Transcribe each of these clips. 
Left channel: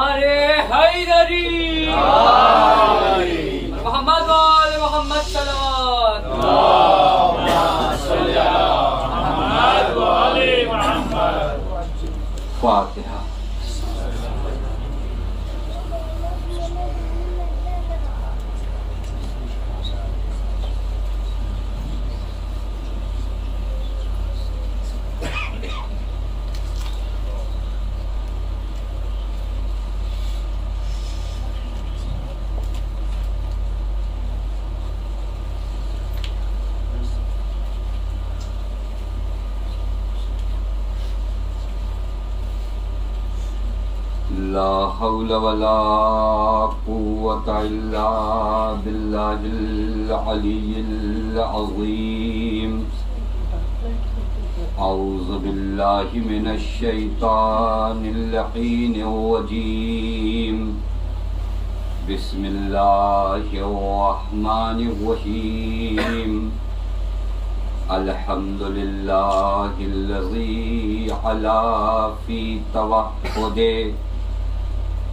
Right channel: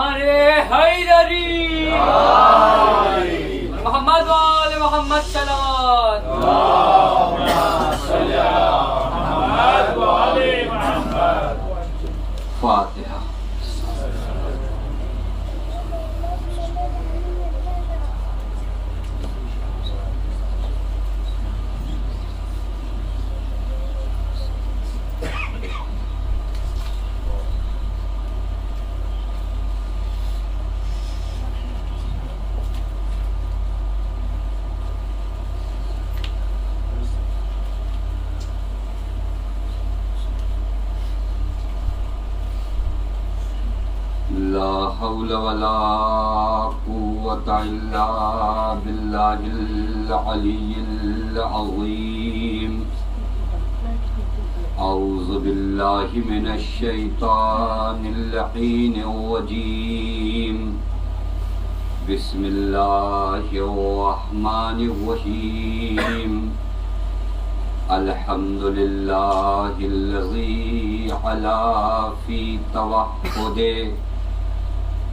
نعرے حیدری، محمد وآل محمد صلوات، محمد وآل محمد. فاتحہ. لا حول ولا قوة إلا بالله العلي العظيم. أعوذ بالله من الشيطان اللعين الرجيم. بسم الله الرحمن الرحيم. الحمد لله الذي علا في توحده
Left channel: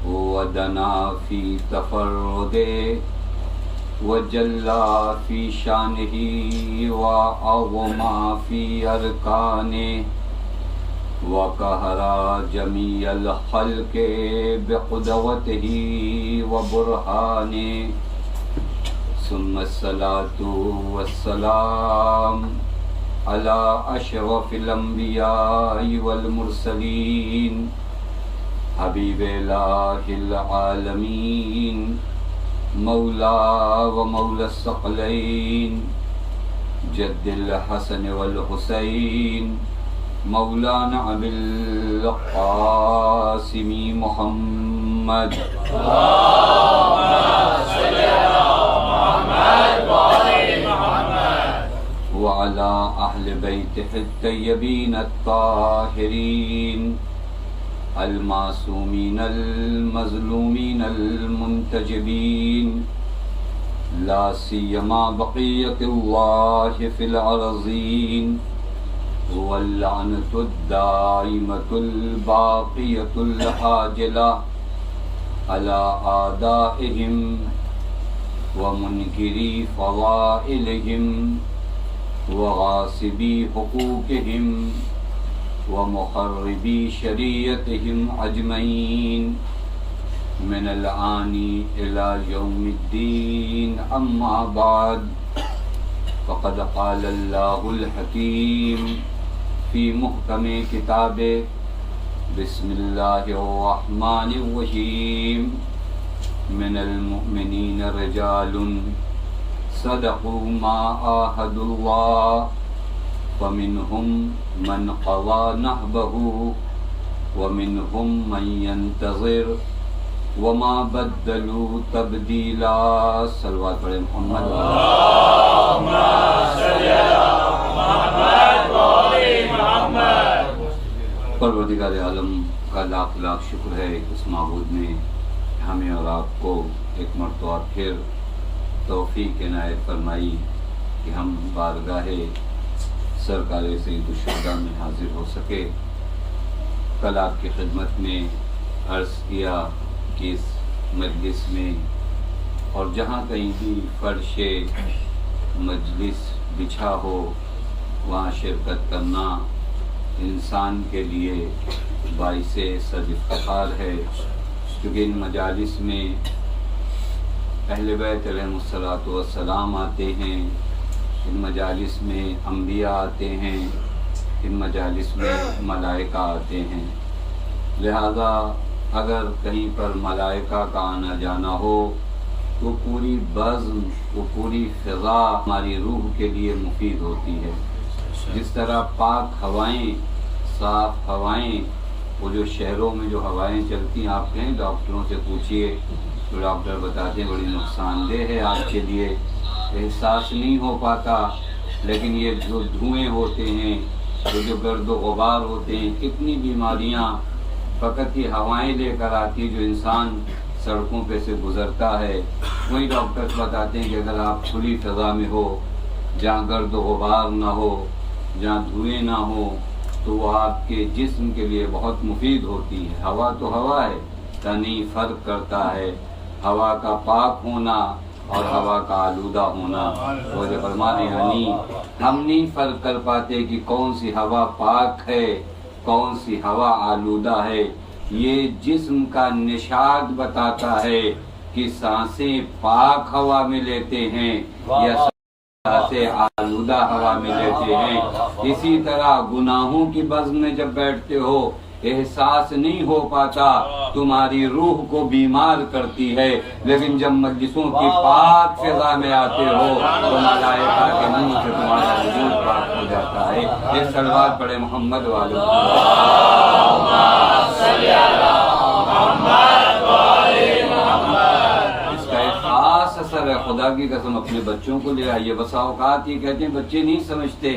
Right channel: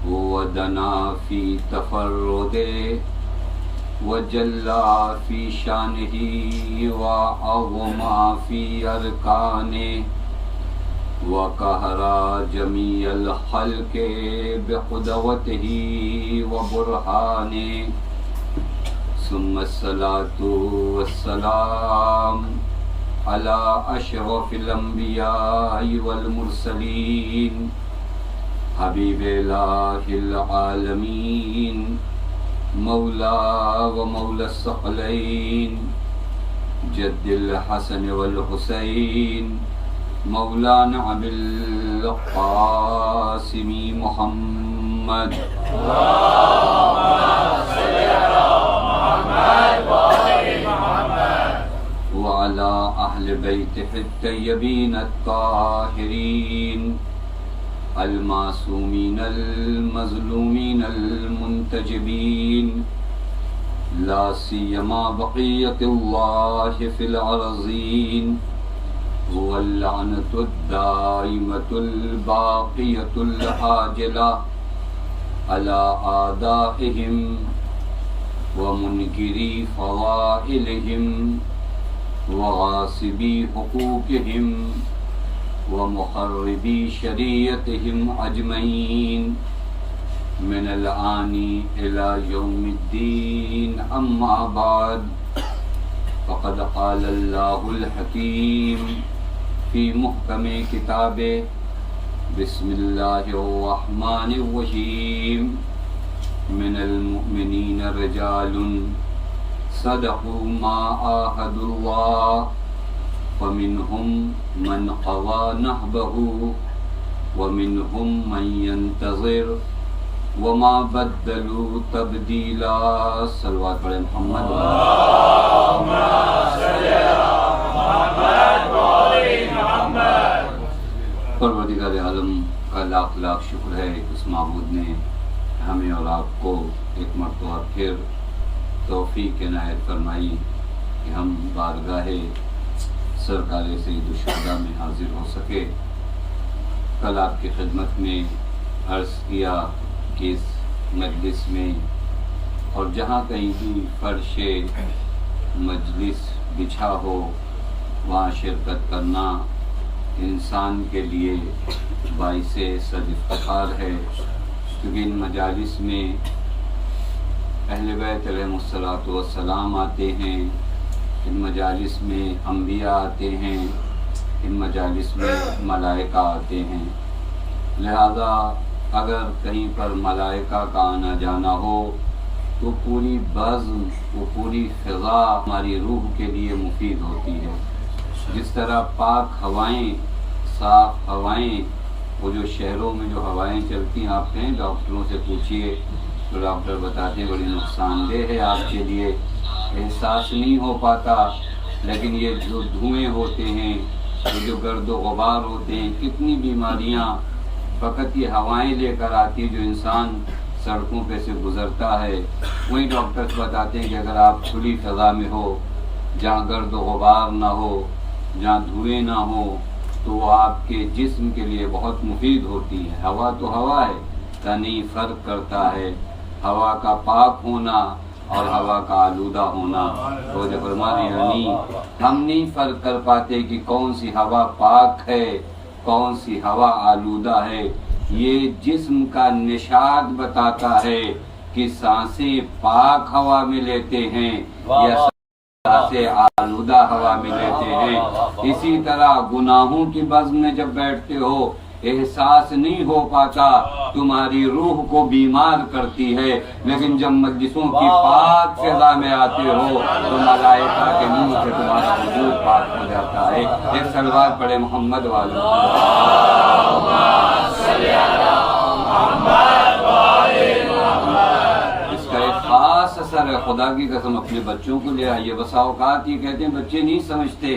ودنا في تفرده وجلى في شانه وعظم في أركانه وقهر جميع الخلق بقدوته وبرهانه. ثم الصلاة والسلام على أشرف الأنبياء والمرسلين حبيب إله العالمين مولا ومولى الثقلين جد الحسن والحسين مولانا أبي القاسم محمد. وعلى أهل بيته الطيبين الطاهرين المعصومين المظلومين المنتجبين لا سيما بقية الله في الأرضين واللعنة الدائمة الباقية العاجلة على أعدائهم ومنكري فضائلهم وغاصبي حقوقهم ومخربي شريعتهم أجمعين من الآن إلى يوم الدين. أما بعد، فقد قال الله الحكيم في محكم كتابه: بسم الله الرحمن الرحيم. من المؤمنين رجال صدقوا ما عاهدوا الله فمنهم من قضى نحبه ومنهم من ينتظر وما بدلوا تبديلا. صلوات علی محمد. اللهم صل على محمد وآل محمد. پروردگار عالم کا لاکھ لاکھ شکر ہے اس معبود نے ہمیں اور آپ کو ایک مرتبہ پھر توفیق عنایت فرمائی کہ ہم بارگاہ سرکار سید الشہداء میں حاضر ہو سکے. کل آپ کی خدمت میں عرض کیا کہ اس مجلس میں اور جہاں کہیں بھی فرش مجلس بچھا ہو وہاں شرکت کرنا انسان کے لیے باعث صد افتخار ہے، کیونکہ ان مجالس میں اہل بیت علیہم الصلاۃ والسلام آتے ہیں، ان مجالس میں انبیاء آتے ہیں، ان مجالس میں ملائکہ آتے ہیں. لہذا اگر کہیں پر ملائکہ کا آنا جانا ہو تو پوری بزم وہ پوری فضا ہماری روح کے لیے مفید ہوتی ہے. جس طرح پاک ہوائیں، صاف ہوائیں، وہ جو شہروں میں جو ہوائیں چلتی ہیں، آپ کہیں ڈاکٹروں سے پوچھئے تو ڈاکٹر بتاتے ہیں بڑی نقصان دہ ہے آپ کے لیے، احساس نہیں ہو پاتا. لیکن یہ جو دھوئیں ہوتے ہیں، جو گرد و غبار ہوتے ہیں، کتنی بیماریاں فقط یہ ہوائیں لے کر آتی ہے جو انسان سڑکوں پہ سے گزرتا ہے. وہی ڈاکٹرز بتاتے ہیں کہ اگر آپ کھلی فضا میں ہو، جہاں گرد و غبار نہ ہو، جہاں دھوئیں نہ ہو، تو وہ آپ کے جسم کے لیے بہت مفید ہوتی ہے. ہوا تو ہوا ہے کا نہیں فرق کرتا ہے ہوا کا پاک ہونا اور ہوا کا آلودہ ہونا. وہ جو فرما رہے یعنی ہم نہیں فرق کر پاتے کہ کون سی ہوا پاک ہے کون سی ہوا آلودہ ہے. یہ جسم کا نشاد بتاتا ہے کہ سانسیں پاک ہوا میں لیتے ہیں یا سے آلودہ ہوا میں لیتے ہیں. اسی طرح گناہوں کی بزم میں جب بیٹھتے ہو احساس نہیں ہو پاتا تمہاری روح کو بیمار کرتی ہے، لیکن جب مجلسوں کی پاک فضا میں آتے ہو تو ملائکہ کے منہ سے تمہارا وجود پاک ہو جاتا ہے. ایک صلوات پڑھے محمد والوں. خاص اثر ہے. خدا کی قسم اپنے بچوں کو لے آئیے. بسا اوقات یہ کہتے ہیں بچے نہیں سمجھتے،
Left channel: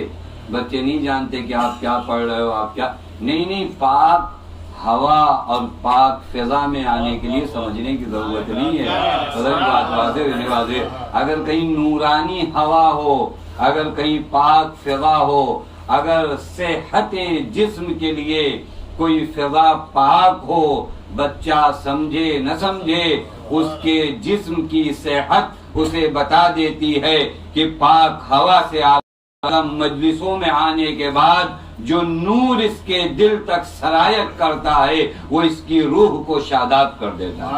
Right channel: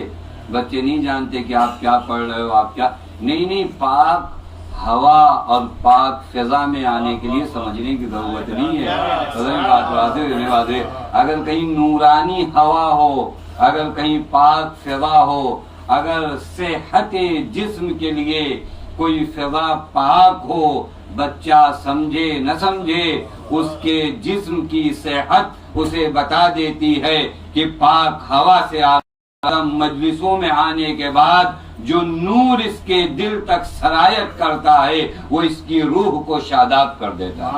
بچے نہیں جانتے کہ آپ کیا پڑھ رہے ہو، آپ کیا نہیں. پاک ہوا اور پاک فضا میں آنے کے لیے سمجھنے کی ضرورت نہیں ہے. اگر کہیں نورانی ہوا ہو، اگر کہیں پاک فضا ہو، اگر صحت جسم کے لیے کوئی فضا پاک ہو، بچہ سمجھے نہ سمجھے اس کے جسم کی صحت اسے بتا دیتی ہے کہ پاک ہوا سے مجلسوں میں آنے کے بعد جو نور اس کے دل تک سرایت کرتا ہے وہ اس کی روح کو شاداب کر دیتا ہے.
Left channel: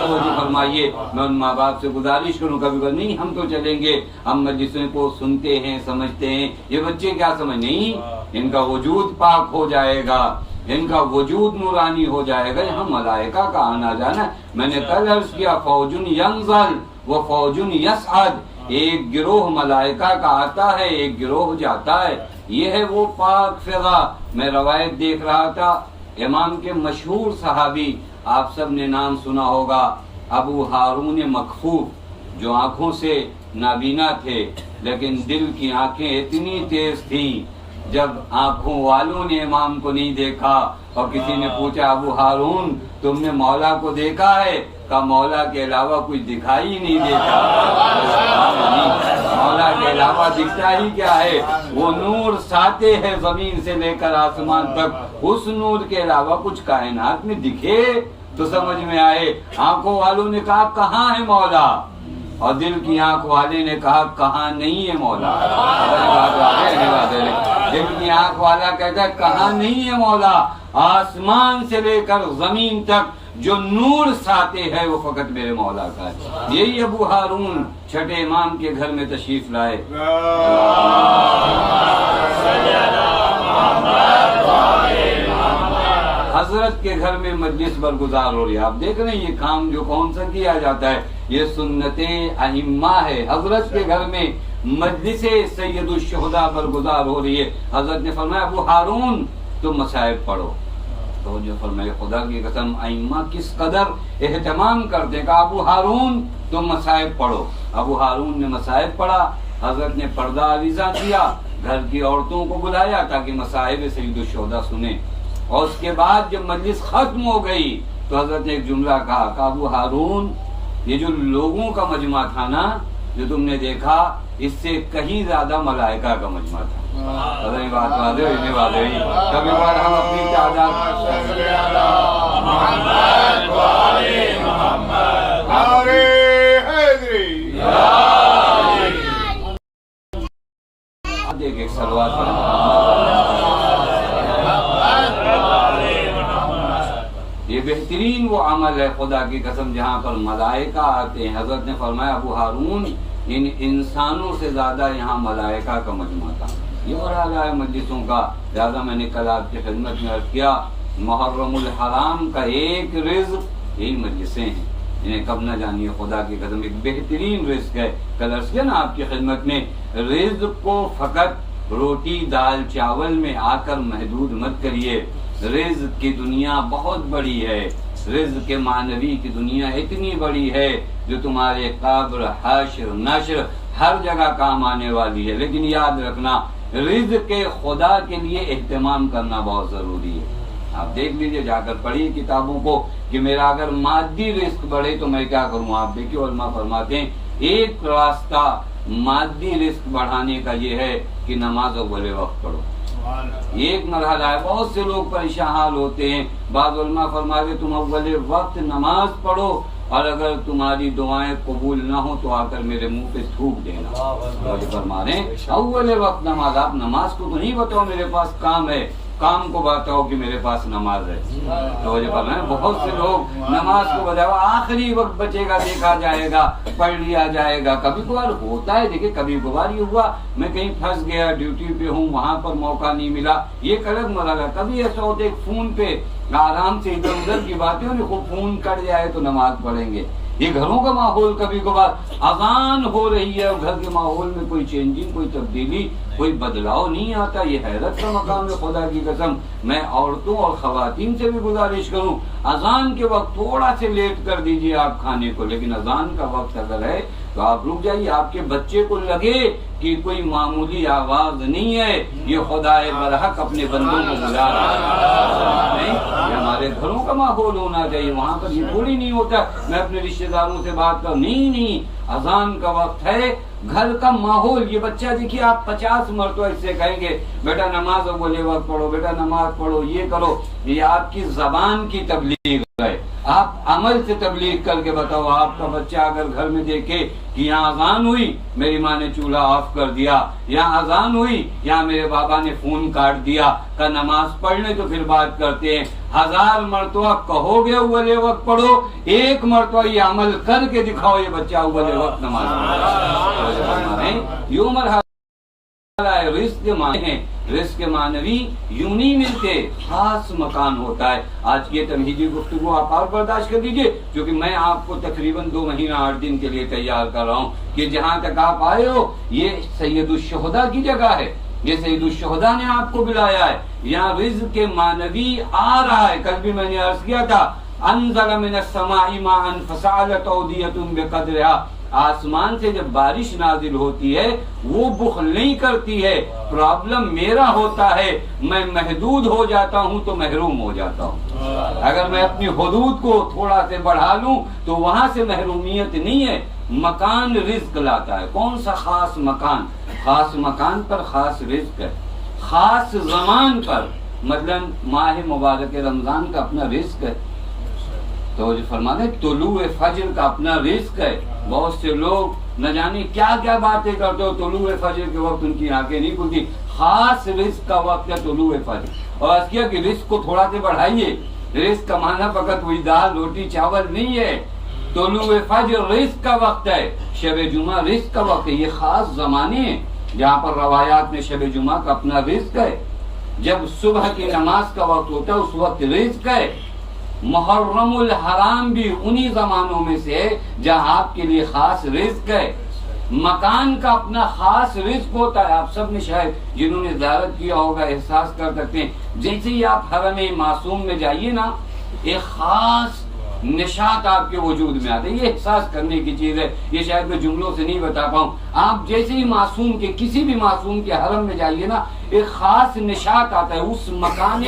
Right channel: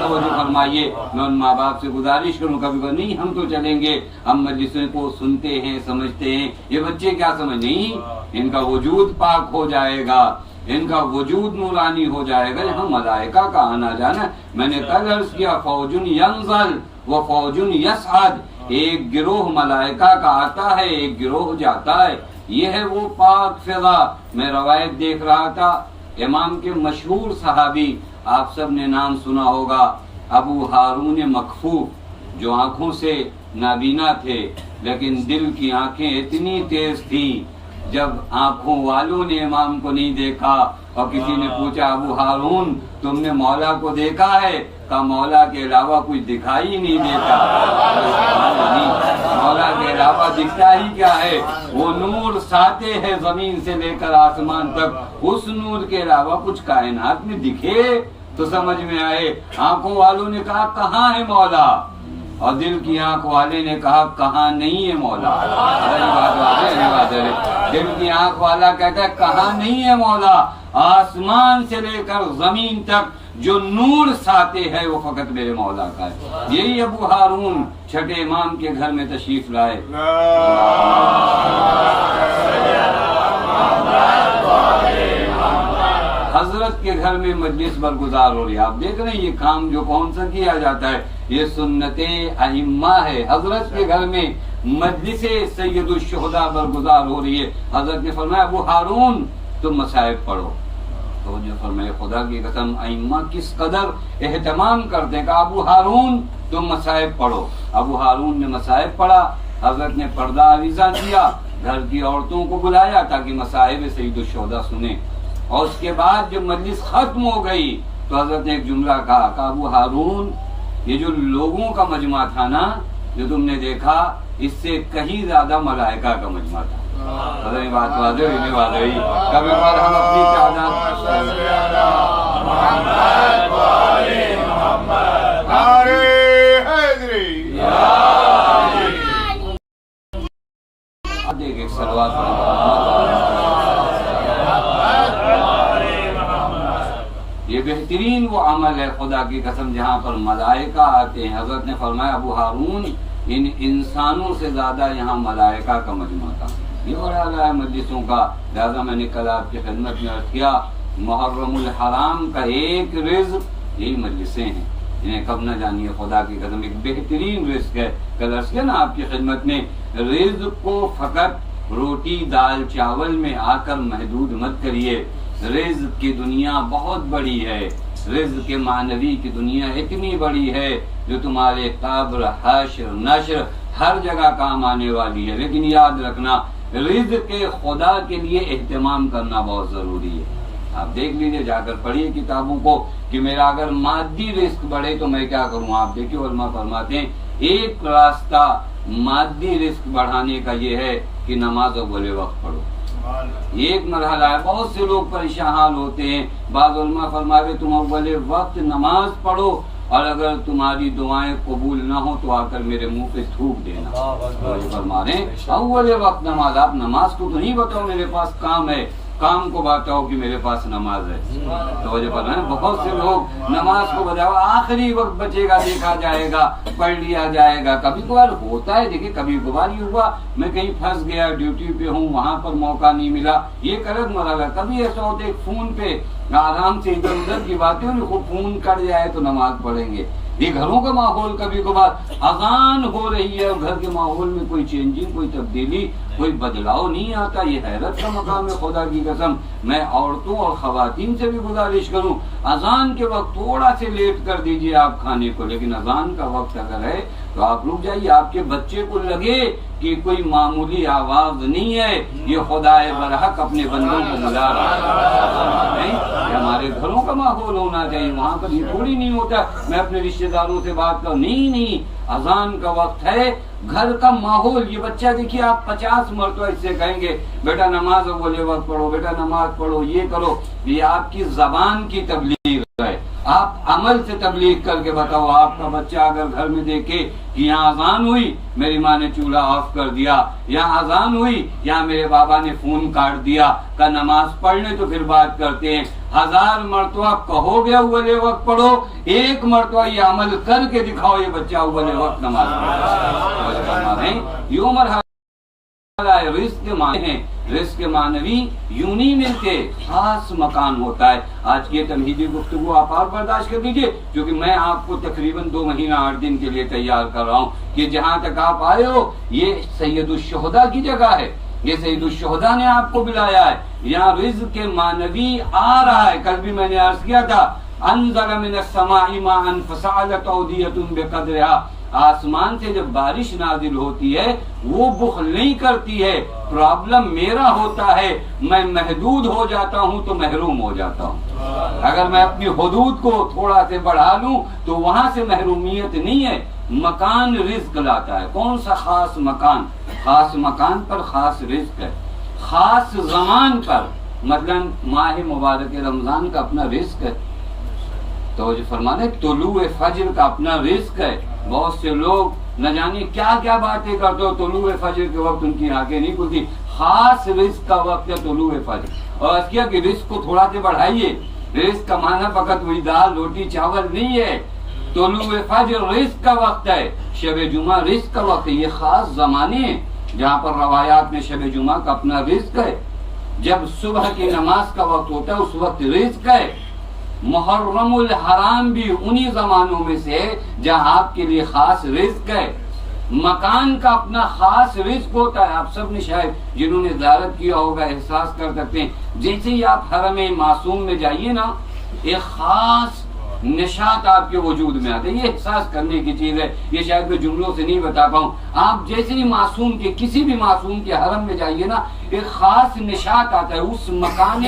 توجہ فرمائیے. میں ان ماں باپ سے گزارش کروں کبھی کبھی نہیں ہم تو چلیں گے، ہم مجلسوں کو سنتے ہیں سمجھتے ہیں، یہ بچے کیا سمجھ نہیں، ان کا وجود پاک ہو جائے گا، ان کا وجود نورانی ہو جائے گا. یہاں ملائکہ کا آنا جانا. میں نے کل عرض کیا فوجن ینزل و فوجن یصعد. ایک گروہ ملائکہ کا آتا ہے، ایک گروہ جاتا ہے. یہ ہے وہ پاک فضا. میں روایت دیکھ رہا تھا امام کے مشہور صحابی، آپ سب نے نام سنا ہوگا، ابو ہارون مکفوف، جو آنکھوں سے نابینا تھے لیکن دل کی آنکھیں اتنی تیز تھیں. جب آنکھوں والوں نے امام کو نہیں دیکھا اور کسی نے پوچھا ابو ہارون تم نے مولا کو دیکھا ہے؟ کہا مولا کے علاوہ کچھ دکھائی نہیں دیتا. مولا کے علاوہ دکھتا ہی کیا ہے؟ وہ نور ساتے ہے زمین سے لے کر آسمان تک. اس نور کے علاوہ کچھ کائنات میں دکھے تو سمجھ میں آئے. آنکھوں والوں نے کہا کہاں ہے مولا، اور دل کی آنکھ والے نے کہا کہاں نہیں ہے مولا. دل کی آنکھ والا کہتا ہے کہاں نہیں ہے مولا. آسمان سے لے کر زمین تک جو نور ساتے ہے وہ فقط میرے مولا کا ہے. یہی ابو ہارون چھٹے امام کے گھر میں تشریف لائے. حضرت کے گھر میں مجلس برگزار ہو رہی ہے. آپ دیکھ رہے ہیں یہ کام جو کون سا کیا جاتا ہے، یہ سنت ائمہ ہے. حضرت کے گھر میں مجلس سید الشہداء برگزار ہو رہی ہے. حضرت نے فرمایا ابو ہارون تم مصائب پڑھو. تو جو فرمائے خدا کی قسم ائمہ کس قدر اہتمام کرتے ہیں. کہا ابو ہارون تم مصائب پڑھو. ابو ہارون نے مصائب پڑھا. حضرت نے پردہ آویزاں کیا، گھر کی عورتوں کو بلایا تاکہ مصائب سید الشہداء سنیں. اور اس کے بعد جب مجلس ختم ہو گئی تو حضرت نے ایک جملہ کہا کہ ابو ہارون یہ جو لوگوں کا مجمع تھا نا جو تم نے دیکھا اس سے کہیں زیادہ ملائکہ کا مجمع تھا. کبھی بار ہم اپنی تعداد دیکھ ایک سلوات. یہ بہترین وہ عمل ہے خدا کی قسم جہاں پر ملائکہ آتے ہیں. حضرت نے فرمایا ابو ہارون ان انسانوں سے زیادہ یہاں ملائکہ کا مجمع تھا. یہ مرحلہ ہے مجلسوں کا. لہذا میں نے کل آپ کی خدمت میں عرض کیا محرم الحرام کا ایک رزق یہی مجلسیں ہیں، انہیں کب نہ جانیے. خدا کی قسم ایک بہترین رزق ہے. کل عرض کیا نا آپ کی خدمت میں رزق کو فقط روٹی دال چاول میں آ کر محدود مت کریے. رزق کی دنیا بہت بڑی ہے. رزق کے معنوی کی دنیا اتنی بڑی ہے جو تمہارے قبر حشر نشر ہر جگہ کام آنے والی ہے. لیکن یاد رکھنا رزق کے خدا کے لیے اہتمام کرنا بہت ضروری ہے. آپ دیکھ لیجئے جا کر پڑھیے کتابوں کو کہ میرا اگر مادی رزق بڑھے تو میں کیا کروں. آپ دیکھیے علماء فرماتے ہیں ایک راستہ مادی رزق بڑھانے کا یہ ہے کہ نماز اول وقت پڑھو. ایک مرحلہ ہے. بہت سے لوگ پریشان حال ہوتے ہیں. بعض علماء فرما رہے تم اول وقت نماز پڑھو اور اگر تمہاری دعائیں قبول نہ ہو تو آ کر میرے منہ پہ تھوک دینا. فرما رہے ہیں اول وقت نماز. آپ نماز کو تو نہیں بتاؤ میرے پاس کام ہے, کام کو بتاؤ کہ میرے پاس نماز ہے. توجہ فرمائیں. بہت سے لوگ نماز کو بجاؤ آخری وقت بچے گا, دیکھا جائے گا, پڑھ لیا جائے گا. کبھی کبھار ہوتا ہے, دیکھیں کبھی کبھار یہ ہوا میں کہیں پھنس گیا, ڈیوٹی پہ ہوں, وہاں پر موقع نہیں ملا, یہ ایک الگ مرحلہ. کبھی ایسا ہوتا ہے فون پہ آرام سے ادھر ادھر کی باتیں ہوں, فون کٹ جائے تو نماز پڑھیں گے. یہ گھروں کا ماحول کبھی کبھار اذان ہو رہی ہے اور گھر کے ماحول میں کوئی چینجنگ, کوئی تبدیلی, کوئی بدلاؤ نہیں آتا. یہ حیرت کا مقام ہے. خدا کی قسم میں عورتوں اور خواتین سے بھی گزارش کروں, اذان کے وقت تھوڑا سے لیٹ کر دیجئے آپ کھانے کو, لیکن اذان کا وقت اگر ہے تو آپ رک جائیے. آپ کے بچے کو لگے کہ کوئی معمولی آواز نہیں ہے, یہ خدا برحق اپنے بندوں کو بلا رہا ہے. یہ ہمارے گھروں کا ماحول ہونا چاہیے. وہاں پر یہ تھوڑی نہیں ہوتا میں اپنے رشتہ داروں سے بات کروں. نہیں, اذان کا وقت ہے, گھر کا ماحول. یہ بچہ دیکھیے آپ 50 مرتبہ اس سے کہیں گے بیٹا نماز اول وقت پڑھو, بیٹا نماز پڑھو, یہ کرو. یہ آپ کی زبان کی تبلیغ ہے. آپ عمل سے تبلیغ کر کے بتاؤ. آپ کا بچہ اگر گھر میں دیکھے کہ یہاں اذان ہوئی, میری ماں نے چولہا آف کر دیا, یہاں اذان ہوئی, یہاں میرے بابا نے فون کاٹ دیا, کا نماز پڑھ لیں تو پھر بات کرتے ہیں. 1000 مرتبہ کہو گے اول وقت پڑھو, ایک مرتبہ یہ عمل کر کے دکھاؤ, یہ بچہ اول وقت نماز پڑھے. یہ مرحلہ رزق معنی, رزق معنوی یوں نہیں ملتے, خاص مکان ہوتا ہے. آج کی تمہیدی گفتگو آپ اور برداشت کر دیجئے, کیونکہ میں آپ کو تقریباً 2 مہینہ 8 دن کے لیے تیار کر رہا ہوں کہ جہاں تک آپ آئے ہو یہ سید الشہداء کی جگہ ہے, یہ سید الشہداء نے آپ کو بلایا ہے. یہاں رزق معنوی آ رہا ہے. کل بھی میں نے عرض کیا تھا انزل من السماء ماء فسالت اودیۃ بقدرها. آسمان سے جب بارش نازل ہوتی ہے وہ بخل نہیں کرتی ہے. پرابلم میرا ہوتا ہے, میں محدود ہو جاتا ہوں تو محروم ہو جاتا ہوں. اگر میں اپنی حدود کو تھوڑا سے بڑھا لوں تو وہاں سے محرومیت نہیں ہے. مکان رزق لاتا ہے. کون سا خاص مکان؟ خاص مکان پر خاص رزق ہے. خاص زمان پر, مثلا ماہ مبارک رمضان کا اپنا رزق ہے. تو جو فرمانے طلوع فجر کا اپنا رزق ہے. بہت سے لوگ نہ جانے کیا کیا باتیں کرتے ہو, طلوع فجر کے وقت ان کی آنکھیں نہیں کھلتی. خاص رزق کا وقت ہے طلوع فجر. اور اس کیا کہ رزق کو تھوڑا سے بڑھائیے. رزق کا معنی فقط وہی دال روٹی چاول نہیں ہے. طلوع فجر رزق کا وقت ہے. شب جمعہ رزق کا وقت ہے. یہ خاص زمانے ہیں جہاں پر روایات میں شب جمعہ کا اپنا رزق ہے. جب صبح کی نماز کا وقت ہوتا ہے اس وقت رزق ہے. محرم الحرام بھی انہی زمانوں میں سے جہاں آپ کے لیے خاص رزق ہے. مکان کا اپنا خاص رزق ہوتا ہے. آپ سب نے شاید جنہوں نے زیارت کیا ہوگا احساس کر سکتے ہیں. جیسے ہی آپ حرم معصوم میں جائیے نا, ایک خاص نشاط آپ کے وجود میں آتے. یہ احساس کرنے کی چیز ہے, یہ شاید میں جملوں سے نہیں بتا پاؤں. آپ جیسے ہی معصوم کے کسی بھی معصوم کے حرم میں جائیے نا, ایک خاص نشاط آتا ہے. اس مکان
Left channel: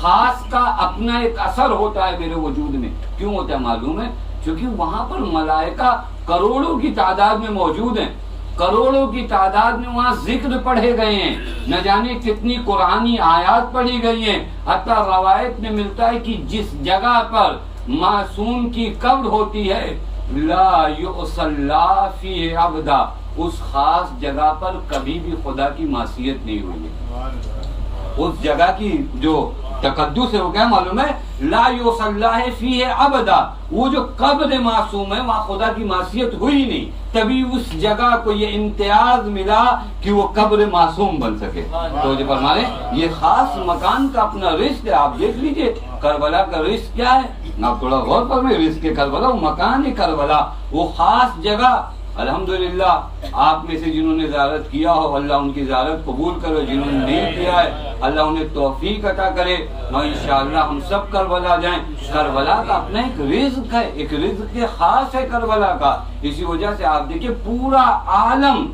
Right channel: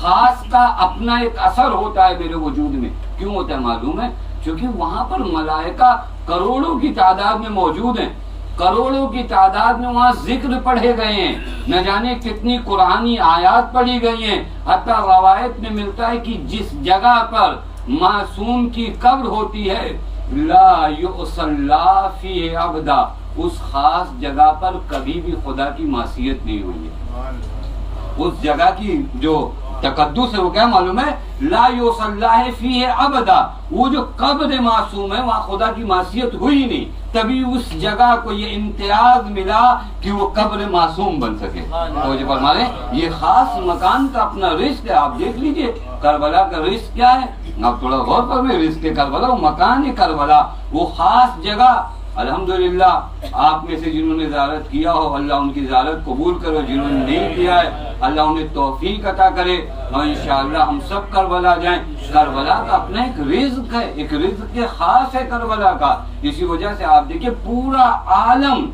خاص کا اپنا ایک اثر ہوتا ہے میرے وجود میں. کیوں ہوتا ہے معلوم ہے؟ کیونکہ وہاں پر ملائکہ کروڑوں کی تعداد میں موجود ہیں. کروڑوں کی تعداد میں وہاں ذکر پڑھے گئے ہیں. نہ جانے کتنی قرآنی آیات پڑھی گئی ہیں. حتیٰ روایت میں ملتا ہے کہ جس جگہ پر معصوم کی قبر ہوتی ہے لا یصلی فیہ ابدا, اس خاص جگہ پر کبھی بھی خدا کی معصیت نہیں ہوئی ہے. اس جگہ کی جو تقدس ہے وہ کیا معلوم ہے؟ لا یصلی فیہ ابدا. وہ جو قبر معصوم ہے وہاں خدا کی معصیت ہوئی نہیں, تبھی اس جگہ کو یہ امتیاز ملا کہ وہ قبر معصوم بن سکے. تو جو فرمانے یہ خاص مکان کا اپنا رزق ہے. آپ دیکھ لیجئے کربلا کا رزق کیا ہے, آپ تھوڑا غور فرمائیں. رزق کربلا وہ مکان ہے, کربلا وہ خاص جگہ. الحمدللہ آپ میں سے جنہوں نے زیارت کیا ہو اللہ ان کی زیارت قبول کرو, جنہوں نے نہیں کیا ہے اللہ انہیں توفیق عطا کرے, اور انشاءاللہ ہم سب کربلا جائیں. کربلا کا اپنا ایک رزق ہے, ایک رزق خاص ہے کربلا کا. اسی وجہ سے آپ دیکھیں پورا عالم,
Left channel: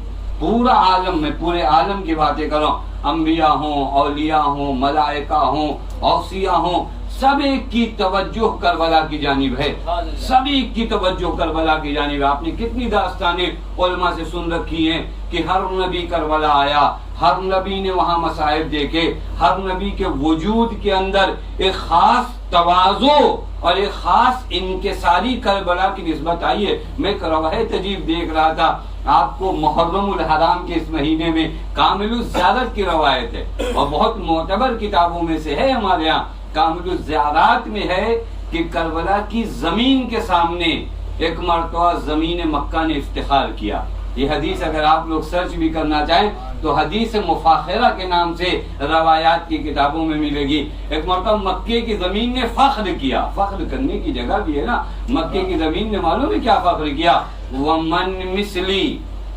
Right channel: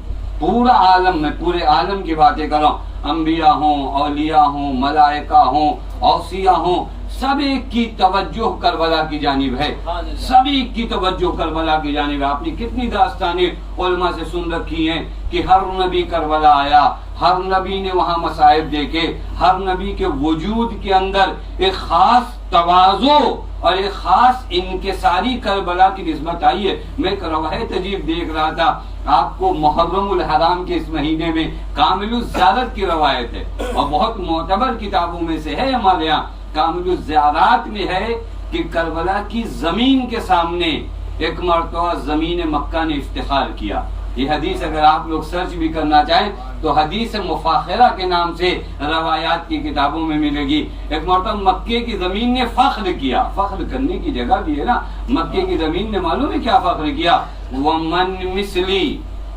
میں پورے عالم کی باتیں کر رہا ہوں, انبیاء ہوں, اولیاء ہوں, ملائکہ ہوں, اوصیاء ہوں, سب ایک کی توجہ کربلا کی جانب ہے. سب ایک کی توجہ کربلا کی جانب ہے. آپ نے کتنی داستانیں علماء سے سن رکھی ہیں کہ ہر نبی کربلا آیا, ہر نبی نے وہاں مصائب دیکھے، ہر نبی کے وجود کے اندر ایک خاص تواضع اور ایک خاص انکساری کربلا کی نسبت آئی ہے۔ میں ایک روایت عجیب دیکھ رہا تھا، آپ کو محرم الحرام کے اس مہینے میں کامل الزیارت کی روایت ہے اور بہت معتبر کتابوں میں سے ہے ہمارے ہاں۔ کامل الزیارات میں ہے کہ کربلا کی زمین کے سامنے ایک مرتبہ زمین مکہ نے افتخار کیا۔ یہ حدیث اگر آپ لوگ سرچ بھی کرنا چاہیں تو حدیث مفاخرہ کے نام سے روایات کی کتابوں میں ملے گی۔ ایک مرتبہ مکے کی زمین نے فخر کیا، فخر کرنے کی جگہ بھی ہے نا، مکے کی زمین نے معلوم ہے کیا فخر کیا؟ وَمَن مِثْلِي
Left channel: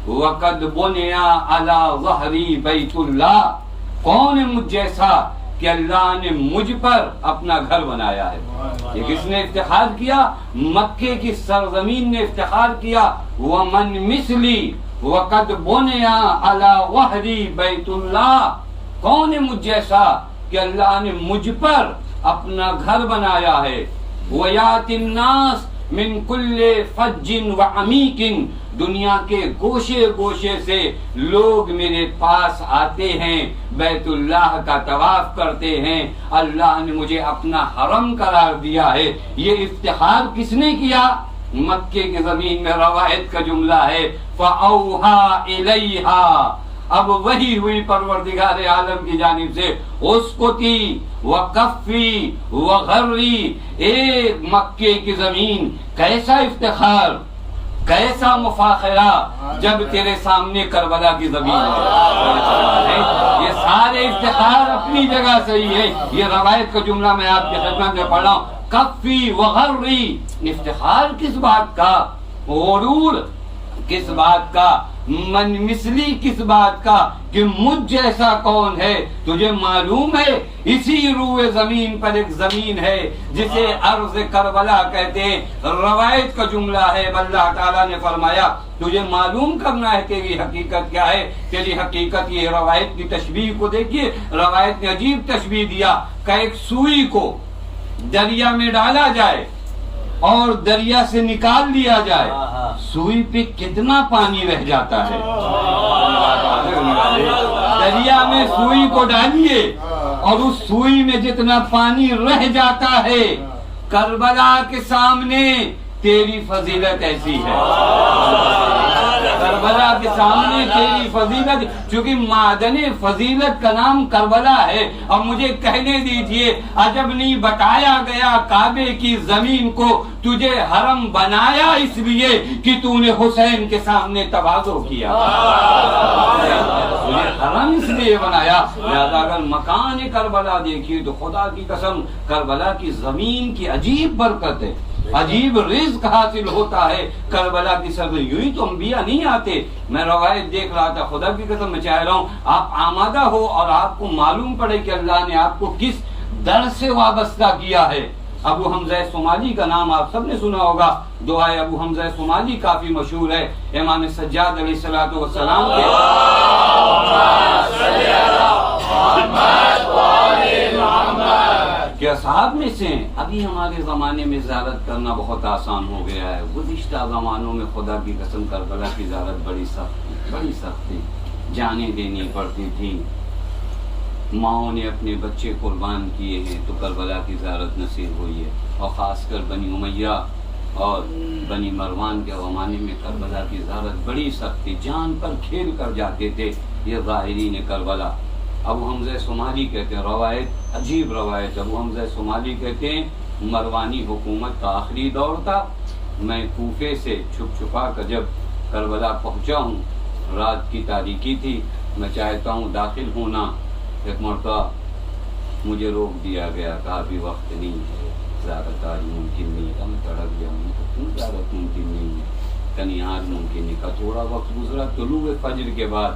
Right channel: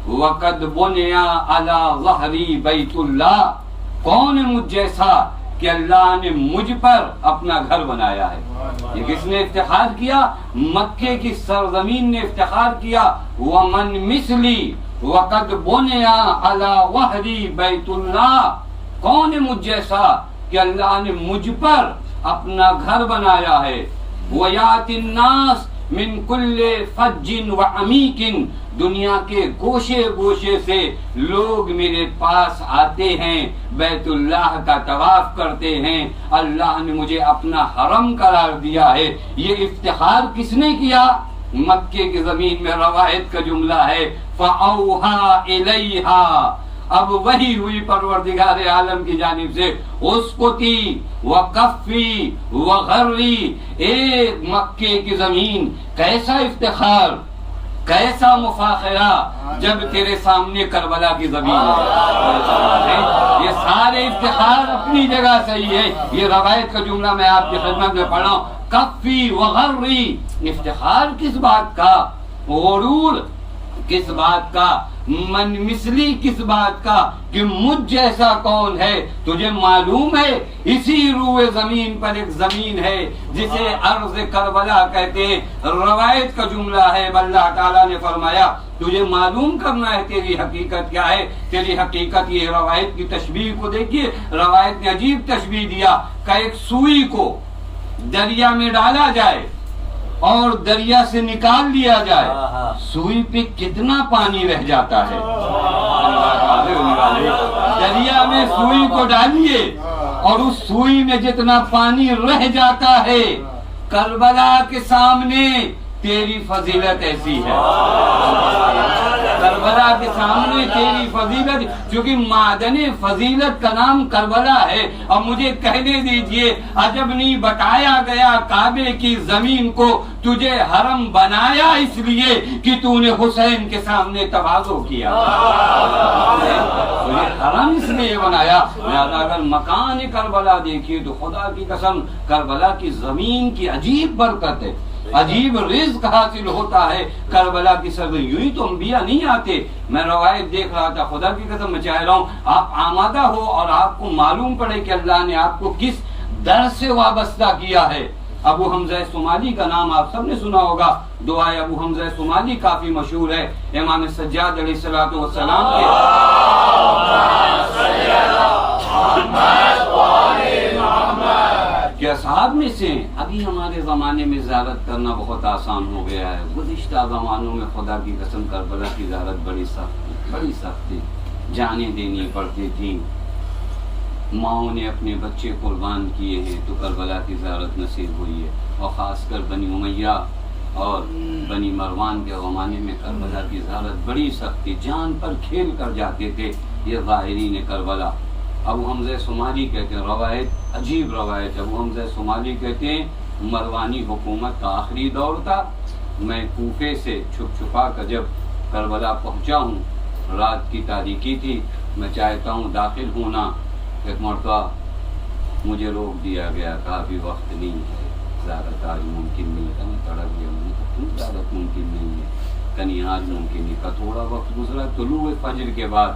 وَقَدْ بُنِيَ عَلَى ظَهْرِ بَيْتُ اللَّهِ، کون ہے مجھ جیسا کہ اللہ نے مجھ پر اپنا گھر بنایا ہے۔ یہ کس نے افتخار کیا؟ مکے کی سرزمین نے افتخار کیا۔ وَمَن مِثْلِي وَقَدْ بُنِيَ عَلَى ظَهْرِ بَيْتُ اللَّهِ، کون ہے مجھ جیسا کہ اللہ نے مجھ پر اپنا گھر بنایا ہے۔ وَيَأْتِ النَّاسِ مِن كُلِّ فَجٍّ وَعَمِيقٍ، دنیا کے گوشے گوشے سے لوگ میرے پاس آتے ہیں، بیت اللہ کا طواف کرتے ہیں، اللہ نے مجھے اپنا حرم قرار دیا ہے۔ یہ افتخار کس نے کیا؟ مکے کی زمین میں روایت کا جملہ ہے فَأَوْحَا إِلَيْهَا، اب وہی ہوئی پروردگار عالم کی جانب سے، اسقطی وقفی وغری، ایک مکے کی زمین، کیسا افتخار، کیسا مفاخرہ جب تیرے سامنے کربلا کی زمین ہے۔ یہ سارے افتخار اپنی جگہ صحیح ہے، یہ روایت کا جملہ میں آپ کی خدمت میں پڑھ رہا ہوں۔ کفی وغری، افتخار کس بات کا، غرور کس بات کا، من مثلی کس بات کا کہ مجھ جیسا کون ہے؟ تجھے معلوم ہے اسی روئے زمین پر ایک زمین ہے جسے ارض کربلا کہتے ہیں، روایت کا جملہ ہے، اللہ تعالیٰ نے فرمایا تجھے معلوم کرنا ہے تیری حقیقت کیا ہے، تیری حقیقت یہ۔ روایت کی تشبیہ کو دیکھیے، روایت نے عجیب تشبیہ دیا کہ ایک سوئی کو دریا میں ڈالا جائے اور دریا سے نکال لیا جائے، سوئی پہ کتنا پانی رہ جاتا ہے۔ دریا میں سوئی کو ڈالیے اور اس سوئی میں جتنا پانی رہ جاتا ہے، کربلا کے سامنے تیری فضیلت ایسی ہے، کربلا کے سامنے تیری فضیلت، چونکہ معدن فضیلت کا نام کربلا ہے۔ اور مجھے کہنے دیجئے، عجب نہیں بتایا گیا کعبے کی زمین کو تجھے حرم بنایا اس لیے کہ تو نے حسین کے سامنے تواضع کیا، تجھے حرم اس لیے بنایا۔ لہذا اگر مکان کربلا دیکھیے تو خدا کی قسم کربلا کی زمین کی عجیب برکت ہے، عجیب رزق حاصل ہوتا ہے کربلا کی سرزمین۔ یوں ہی تو انبیاء نہیں آتے۔ میں روایت دیکھ رہا تھا، خدا کی قسم میں چاہ رہا ہوں آپ آمادہ ہو اور آپ کو معلوم پڑے کہ اللہ نے آپ کو کس در سے وابستہ کیا ہے۔ ابو حمزہ صومالی کا نام آپ سب نے سنا ہوگا، دعائے ابو حمزہ صومالی کافی مشہور ہے، امام سجاد علیہ الصلوۃ والسلام کے کہ اصحاب میں سے ابھی ہمارے زمانے میں زیارت کرنا بہت آسان ہو گیا ہے، گزشتہ زمانوں میں خدا کی قسم کربلا کی زیارت بڑی سخت تھی، جانیں دینی پڑتی تھی، ماؤں نے اپنے بچے قربان کیے ہیں تو کربلا کی زیارت نصیب ہوئی ہے، اور خاص کر بنی امیہ اور بنی مروان کے زمانے میں کربلا کی زیارت بڑی سخت تھی، جان پر کھیل کر جاتے تھے یہ ظاہرین کربلا۔ ابو حمزہ صومالی کہتے ہیں، روایت عجیب روایت، ابو حمزہ صومالی کہتے ہیں مروانی حکومت کا آخری دور تھا، میں کوفے سے چھپ چھپا کر جب کربلا پہنچا ہوں، رات کی تاریکی تھی، میں چاہتا ہوں داخل ہونا، ایک مرتبہ مجھے روک دیا گیا، کہا ابھی وقت نہیں ہے، زیارت آج ممکن نہیں ہے۔ میں تڑپ گیا، میں کہا کیوں زیارت ممکن نہیں ہے؟ کنی آج ممکن نہیں، کا تھوڑا وقت گزرا طلوع فجر کے بعد،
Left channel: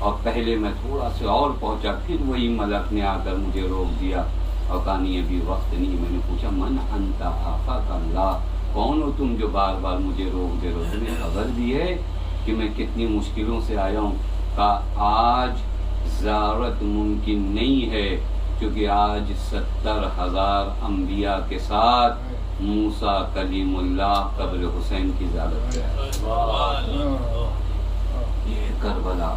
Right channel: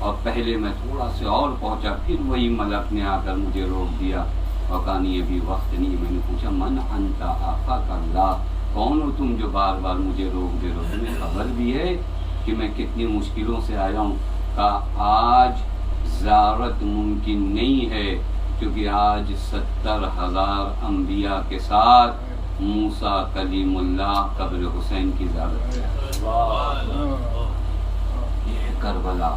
اور پہلے میں تھوڑا سے اور پہنچا، پھر وہی ملک نے آ کر مجھے روک دیا اور کہا نہیں ابھی وقت نہیں۔ میں نے پوچھا من انتا آفاک اللہ، کون ہو تم جو بار بار مجھے روک دے رہے ہو؟ تمہیں خبر بھی ہے کہ میں کتنی مشکلوں سے آیا ہوں؟ کہا آج زیارت ممکن نہیں ہے کیونکہ آج 70,000 انبیاء کے ساتھ موسیٰ کلیم اللہ قبر حسین کی زیارت ہے۔ یہ کربلا،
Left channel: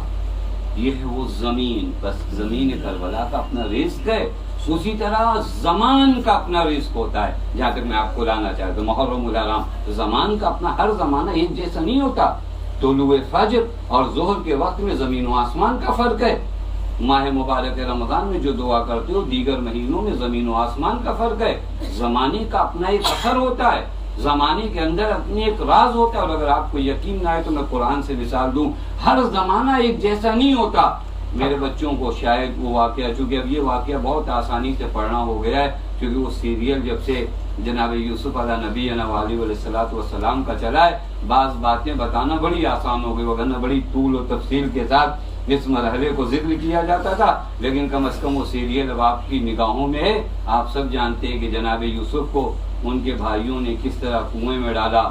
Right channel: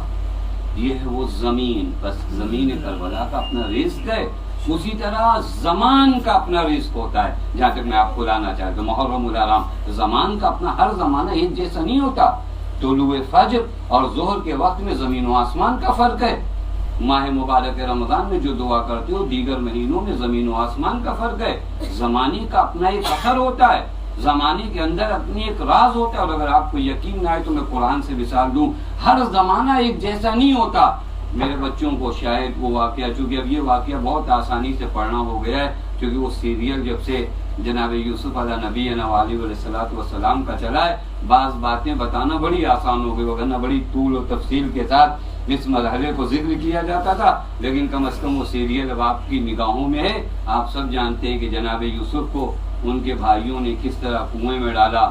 یہ ہے وہ زمین، بس زمین کربلا کا اپنا رزق ہے، اسی طرح زمان کا اپنا رزق ہوتا ہے. جہاں تک میں آپ کو لانا چاہتا ہوں محرم الحرام، زمان کا اپنا ہر زمانہ ایک جیسا نہیں ہوتا. طلوع فجر اور ظہر کے وقت میں زمین و آسمان کا فرق ہے. ماہ مبارک رمضان میں جو دعا کرتے ہو دیگر مہینوں میں زمین و آسمان کا فرق ہے. زمانے کا اپنا ایک اثر ہوتا ہے، زمانے کے اندر اپنی ایک راز ہوتا ہے. اور اگر آپ کو یقین نہ آئے تو میں قرآن سے مثال دوں، ہر زمانہ ایک جیسا نہیں ہوتا. میرے بچوں کو شاید وہ واقعہ، چونکہ اب یہ واقعہ بہت آسانی سے پڑھنا ہو گیا ہے، کیونکہ وہ سیریل جب سے جناب یوسف علیہ نبی علیہ الصلوۃ والسلام کا چلا ہے، بعض باتیں بتانا بڑی آسان ہو گئی، ورنہ بڑی طول و تفصیل کے ساتھ اس مرحلے کو ذکر کیا جاتا تھا. لیکن کم از کم وہ سیریل اب آپ کی نگاہوں میں ہے. آپ سب جانتے ہیں کہ جناب یوسف کو ان کے بھائیوں نے کس طرح کنویں میں ڈالا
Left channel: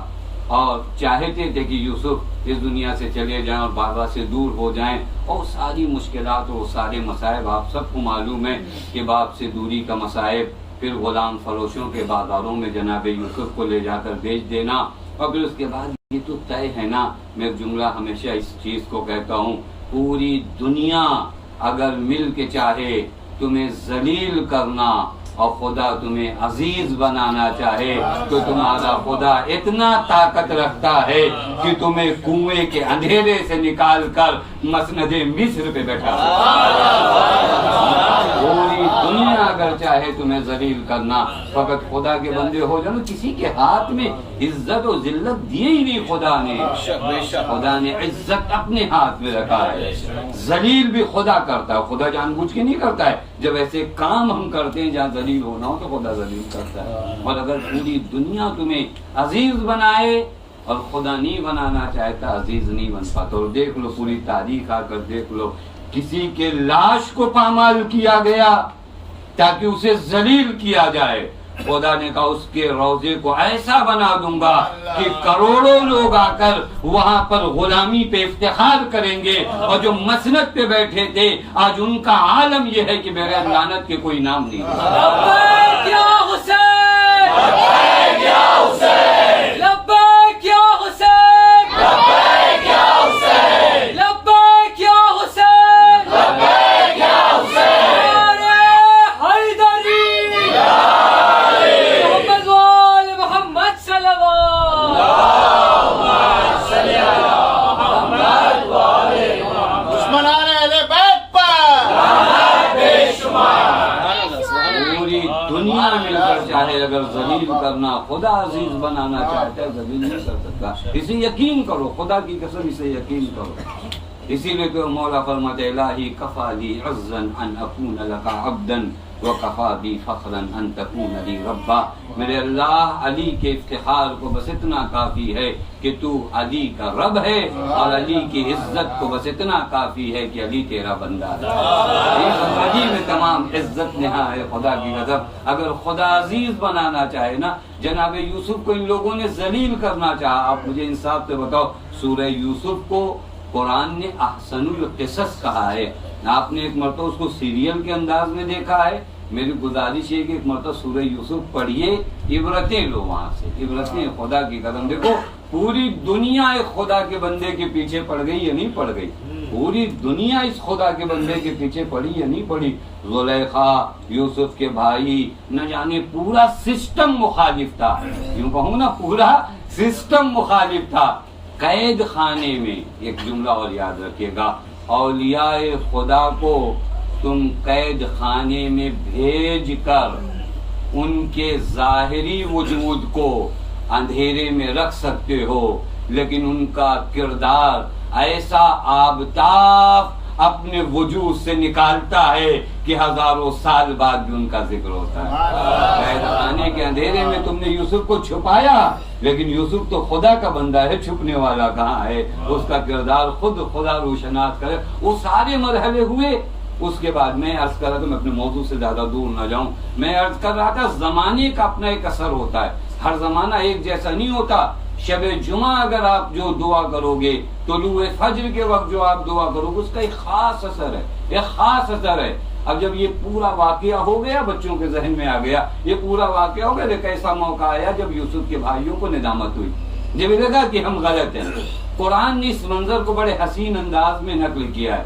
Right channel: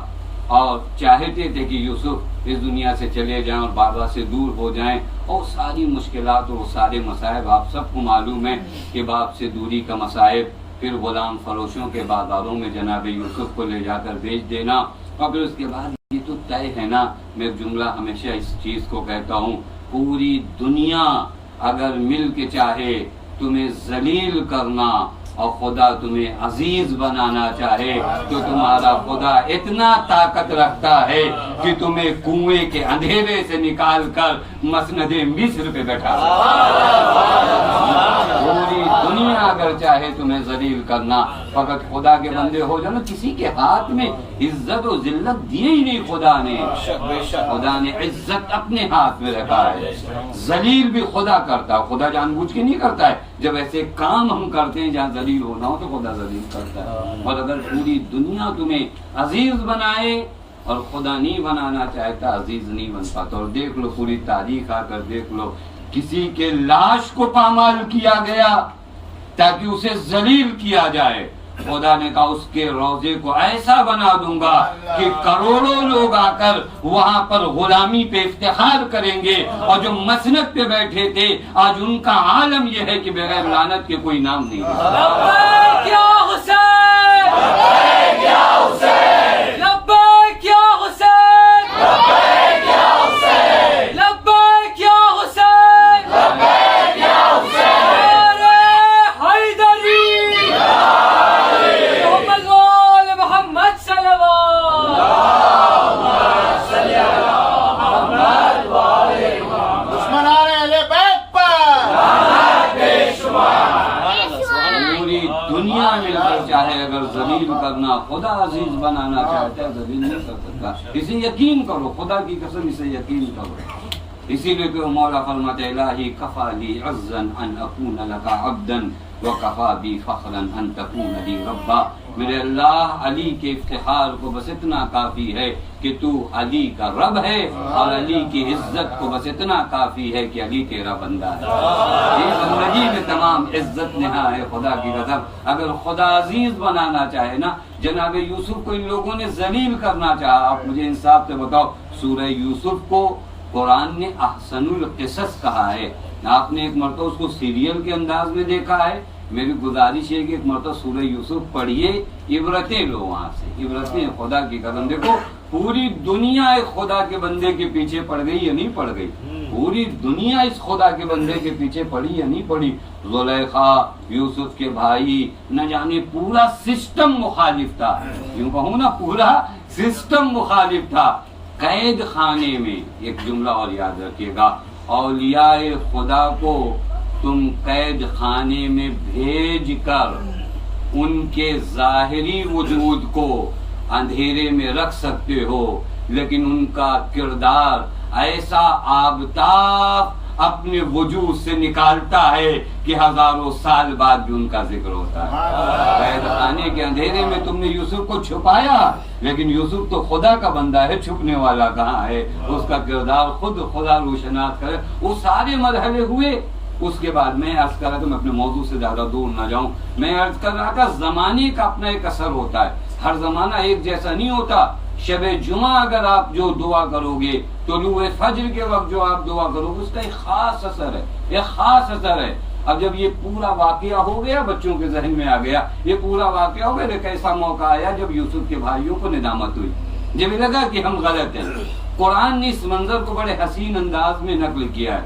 اور چاہتے تھے کہ یوسف اس دنیا سے چلے جائیں اور بابا سے دور ہو جائیں، اور ساری مشکلات اور سارے مصائب آپ سب کو معلوم ہے کہ باپ سے دوری کا مصائب، پھر غلام فروشوں کے بازاروں میں جناب یوسف کو لے جا کر بیچ دینا، اور پھر اس کے بعد یہ تو طے ہے نا. میں ایک جملہ ہمیشہ اس چیز کو کہتا ہوں، پوری دنیا اگر مل کے چاہے تمہیں ذلیل کرنا اور خدا تمہیں عزیز بنانا چاہے تو تمہارا خدا اتنا طاقت رکھتا ہے کہ تمہیں کنویں کے اندھیرے سے نکال کر مسند مصر پہ بیٹھا. پوری دنیا اگر چاہے تمہیں ذلیل کرنا، فقط خدا کے بندے ہو جانا. کسی کے ہاتھ میں عزت و ذلت دیے ہی نہیں خدا نے. خدا نے عزت اپنے ہاتھ میں رکھا ہے. ذلیل بھی خدا کرتا ہے، خدا جان بوجھ کے نہیں کرتا ہے. جب ایسے کام ہم کرتے ہیں جہاں ذلیل ہونا ہو تو خدا ذلیل کرتا ہے. اور اگر پوری دنیا تمہیں عزیز بنائے اور خدا نہیں بنانا چاہتا، عزیز نہیں بن پاتا. اور دیکھ لو پوری تاریخ آ کر دیکھ لو، کسی کے لاش کو پامال کیا گیا تاکہ اسے ذلیل کیا جائے. خدا نے کہا اس کے روضے کو ایسا بنا دوں گا کہ کروڑوں لوگ آ کر وہاں پر غلامی پہ افتخار کریں گے، اور جو مسند پہ بیٹھے تھے آج ان کا عالم یہ ہے کہ بغیر لعنت کے کوئی نام نہیں. لبیک یا حسین، لبیک یا حسین، لبیک یا حسین، لبیک یا حسین، لبیک یا حسین، لبیک یا حسین. محمد صلوات. دشمنان اہل بیت پر پوری دنیا مل کر چاہے اگر ذلیل کرنا، خدا عزیز بنانا چاہتا ہے ذلیل نہیں کر سکتا. اسے یقین کرو، خدا کی قسم اسے یقین کرو. اسی لیے تو مولا فرماتے الہی کفا لی عزا ان اکون لک عبدا وکفا بی فخرا ان تکون لی ربا. میرے اللہ، علی کے افتخار کو بس اتنا کافی ہے کہ تو علی کا رب ہے، اور علی کی عزت کو بس اتنا کافی ہے کہ علی تیرا بندہ ہے. یہ زندگی میں تمام عزت نہا ہے خدا کی قسم. اگر خدا عزیز بنانا چاہے نا، جناب یوسف کو ان لوگوں نے ذلیل کرنا چاہا. آپ مجھے انصاف سے بتاؤ، سورہ یوسف کو قرآن نے احسن القصص کہا ہے. آپ نے ایک مرتبہ اس کو سیریل کے انداز میں دیکھا ہے. میری گزارش ہے کہ ایک مرتبہ سورہ یوسف پڑھیے، عبرتیں لو وہاں سے، عبرتیں خدا کی قدم. دیکھو پوری دنیا ایک خدا کے بندے کے پیچھے پڑ گئی یا نہیں پڑ گئی؟ پوری دنیا اس خدا کے بندے کے پیچھے پڑی یا نہیں پڑی؟ زلیخا، یوسف کے بھائی، نہ جانے پورا سسٹم مخالف تھا. یوں کہوں نا، پورا سسٹم مخالف تھا. قید خانے میں ایک جملہ اور یاد رکھیے گا، اولیاء خدا کو تم قید خانے میں بھیج کر ان کے ظاہری وجود کو اندھیرے میں رکھ سکتے ہو، لیکن ان کا کردار ایسا آبتاب اپنے وجود سے نکالتا ہے کہ ہزاروں سال بعد بھی ان کا ذکر ہوتا ہے. قید خانے کے اندھیرے میں تم نے یوسف کو چھپایا، لیکن یوسف تو خدا کا بندہ ہے، چھپنے والا کہاں ہے؟ اس کا کردار خود خدا روشناس کرے. وہ سارے مرحلے ہوئے. اس کے بعد میں عرض کر رہا تھا، میں اپنے موضوع سے زیادہ دور نہ جاؤں، میں عرض کر رہا تھا زمانے کا اپنا ایک اثر ہوتا ہے. ہر زمانہ ایک جیسا نہیں ہوتا. شب جمعہ اگر آپ جو دعا کرو گے، طلوع فجر کے وقت جو آپ دعا کرو گے، اس کا ایک خاص اثر ہے، ایک خاص اثر ہے. اب جب یہ پورا واقعہ ہو گیا، بچوں کے ذہن میں آ گیا یہ پورا واقعہ ہو گیا، ایک ایسا موقع آیا جب یوسف کے بھائیوں کو ندامت ہوئی، جب لگا کہ ہم غلط ہیں. قرآن نے اس منظر کو بڑے حسین انداز میں نقل کیا ہے.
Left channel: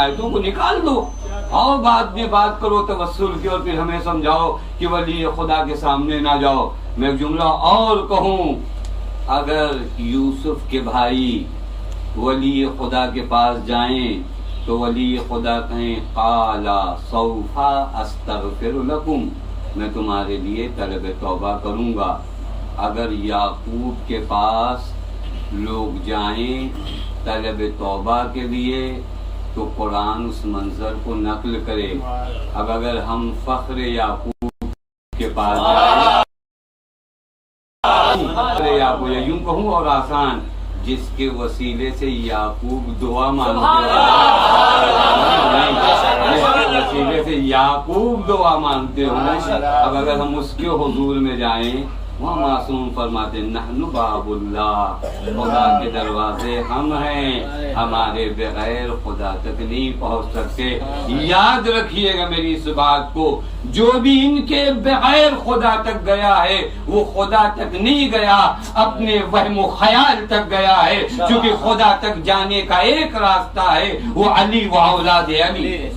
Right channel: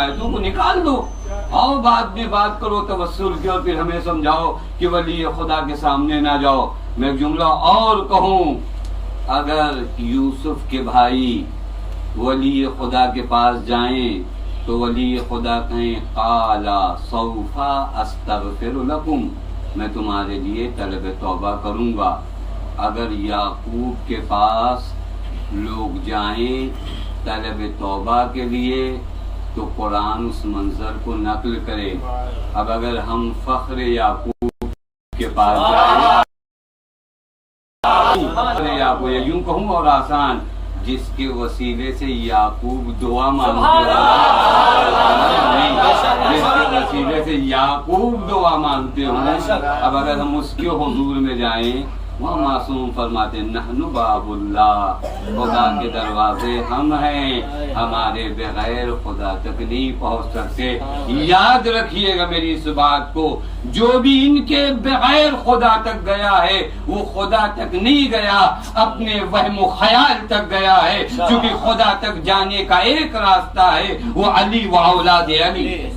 آیتوں کو نکال دو اور بعد میں بات کرو توسل کی، اور پھر ہمیں سمجھاؤ کہ ولی خدا کے سامنے نہ جاؤ۔ میں ایک جملہ اور کہوں، اگر یوسف کے بھائی ولی خدا کے پاس جائیں تو ولی خدا کہیں قالا سوف استغفر لکم، میں تمہارے لیے طلب توبہ کروں گا۔ اگر یعقوب کے پاس لوگ جائیں طلب توبہ کے لیے تو قرآن اس منظر کو نقل کرے۔ اب اگر ہم فخر یعقوب کے پاس جائیں، یعقوب یوں کہوں اور آسان، جس کے وسیلے سے یعقوب دعا مانگتے ہیں، جس کے وسیلے سے یعقوب دعا مانگتے ہوں، اب اگر ہم اس کے حضور میں جائیں، وہ معصوم فرماتے نحن باب اللہ، خدا کے دروازے ہم ہیں، ہمارے بغیر خدا تک نہیں پہنچ سکتے۔ یاد رکھیے گا میری اس بات کو، جو بھی ان کے بغیر خدا تک گیا ہے وہ خدا تک نہیں گیا، اپنے وہم و خیال تک گیا ہے، کیونکہ خدا تک جانے کا ایک راستہ ہے، وہ علی و اولاد علی۔ اس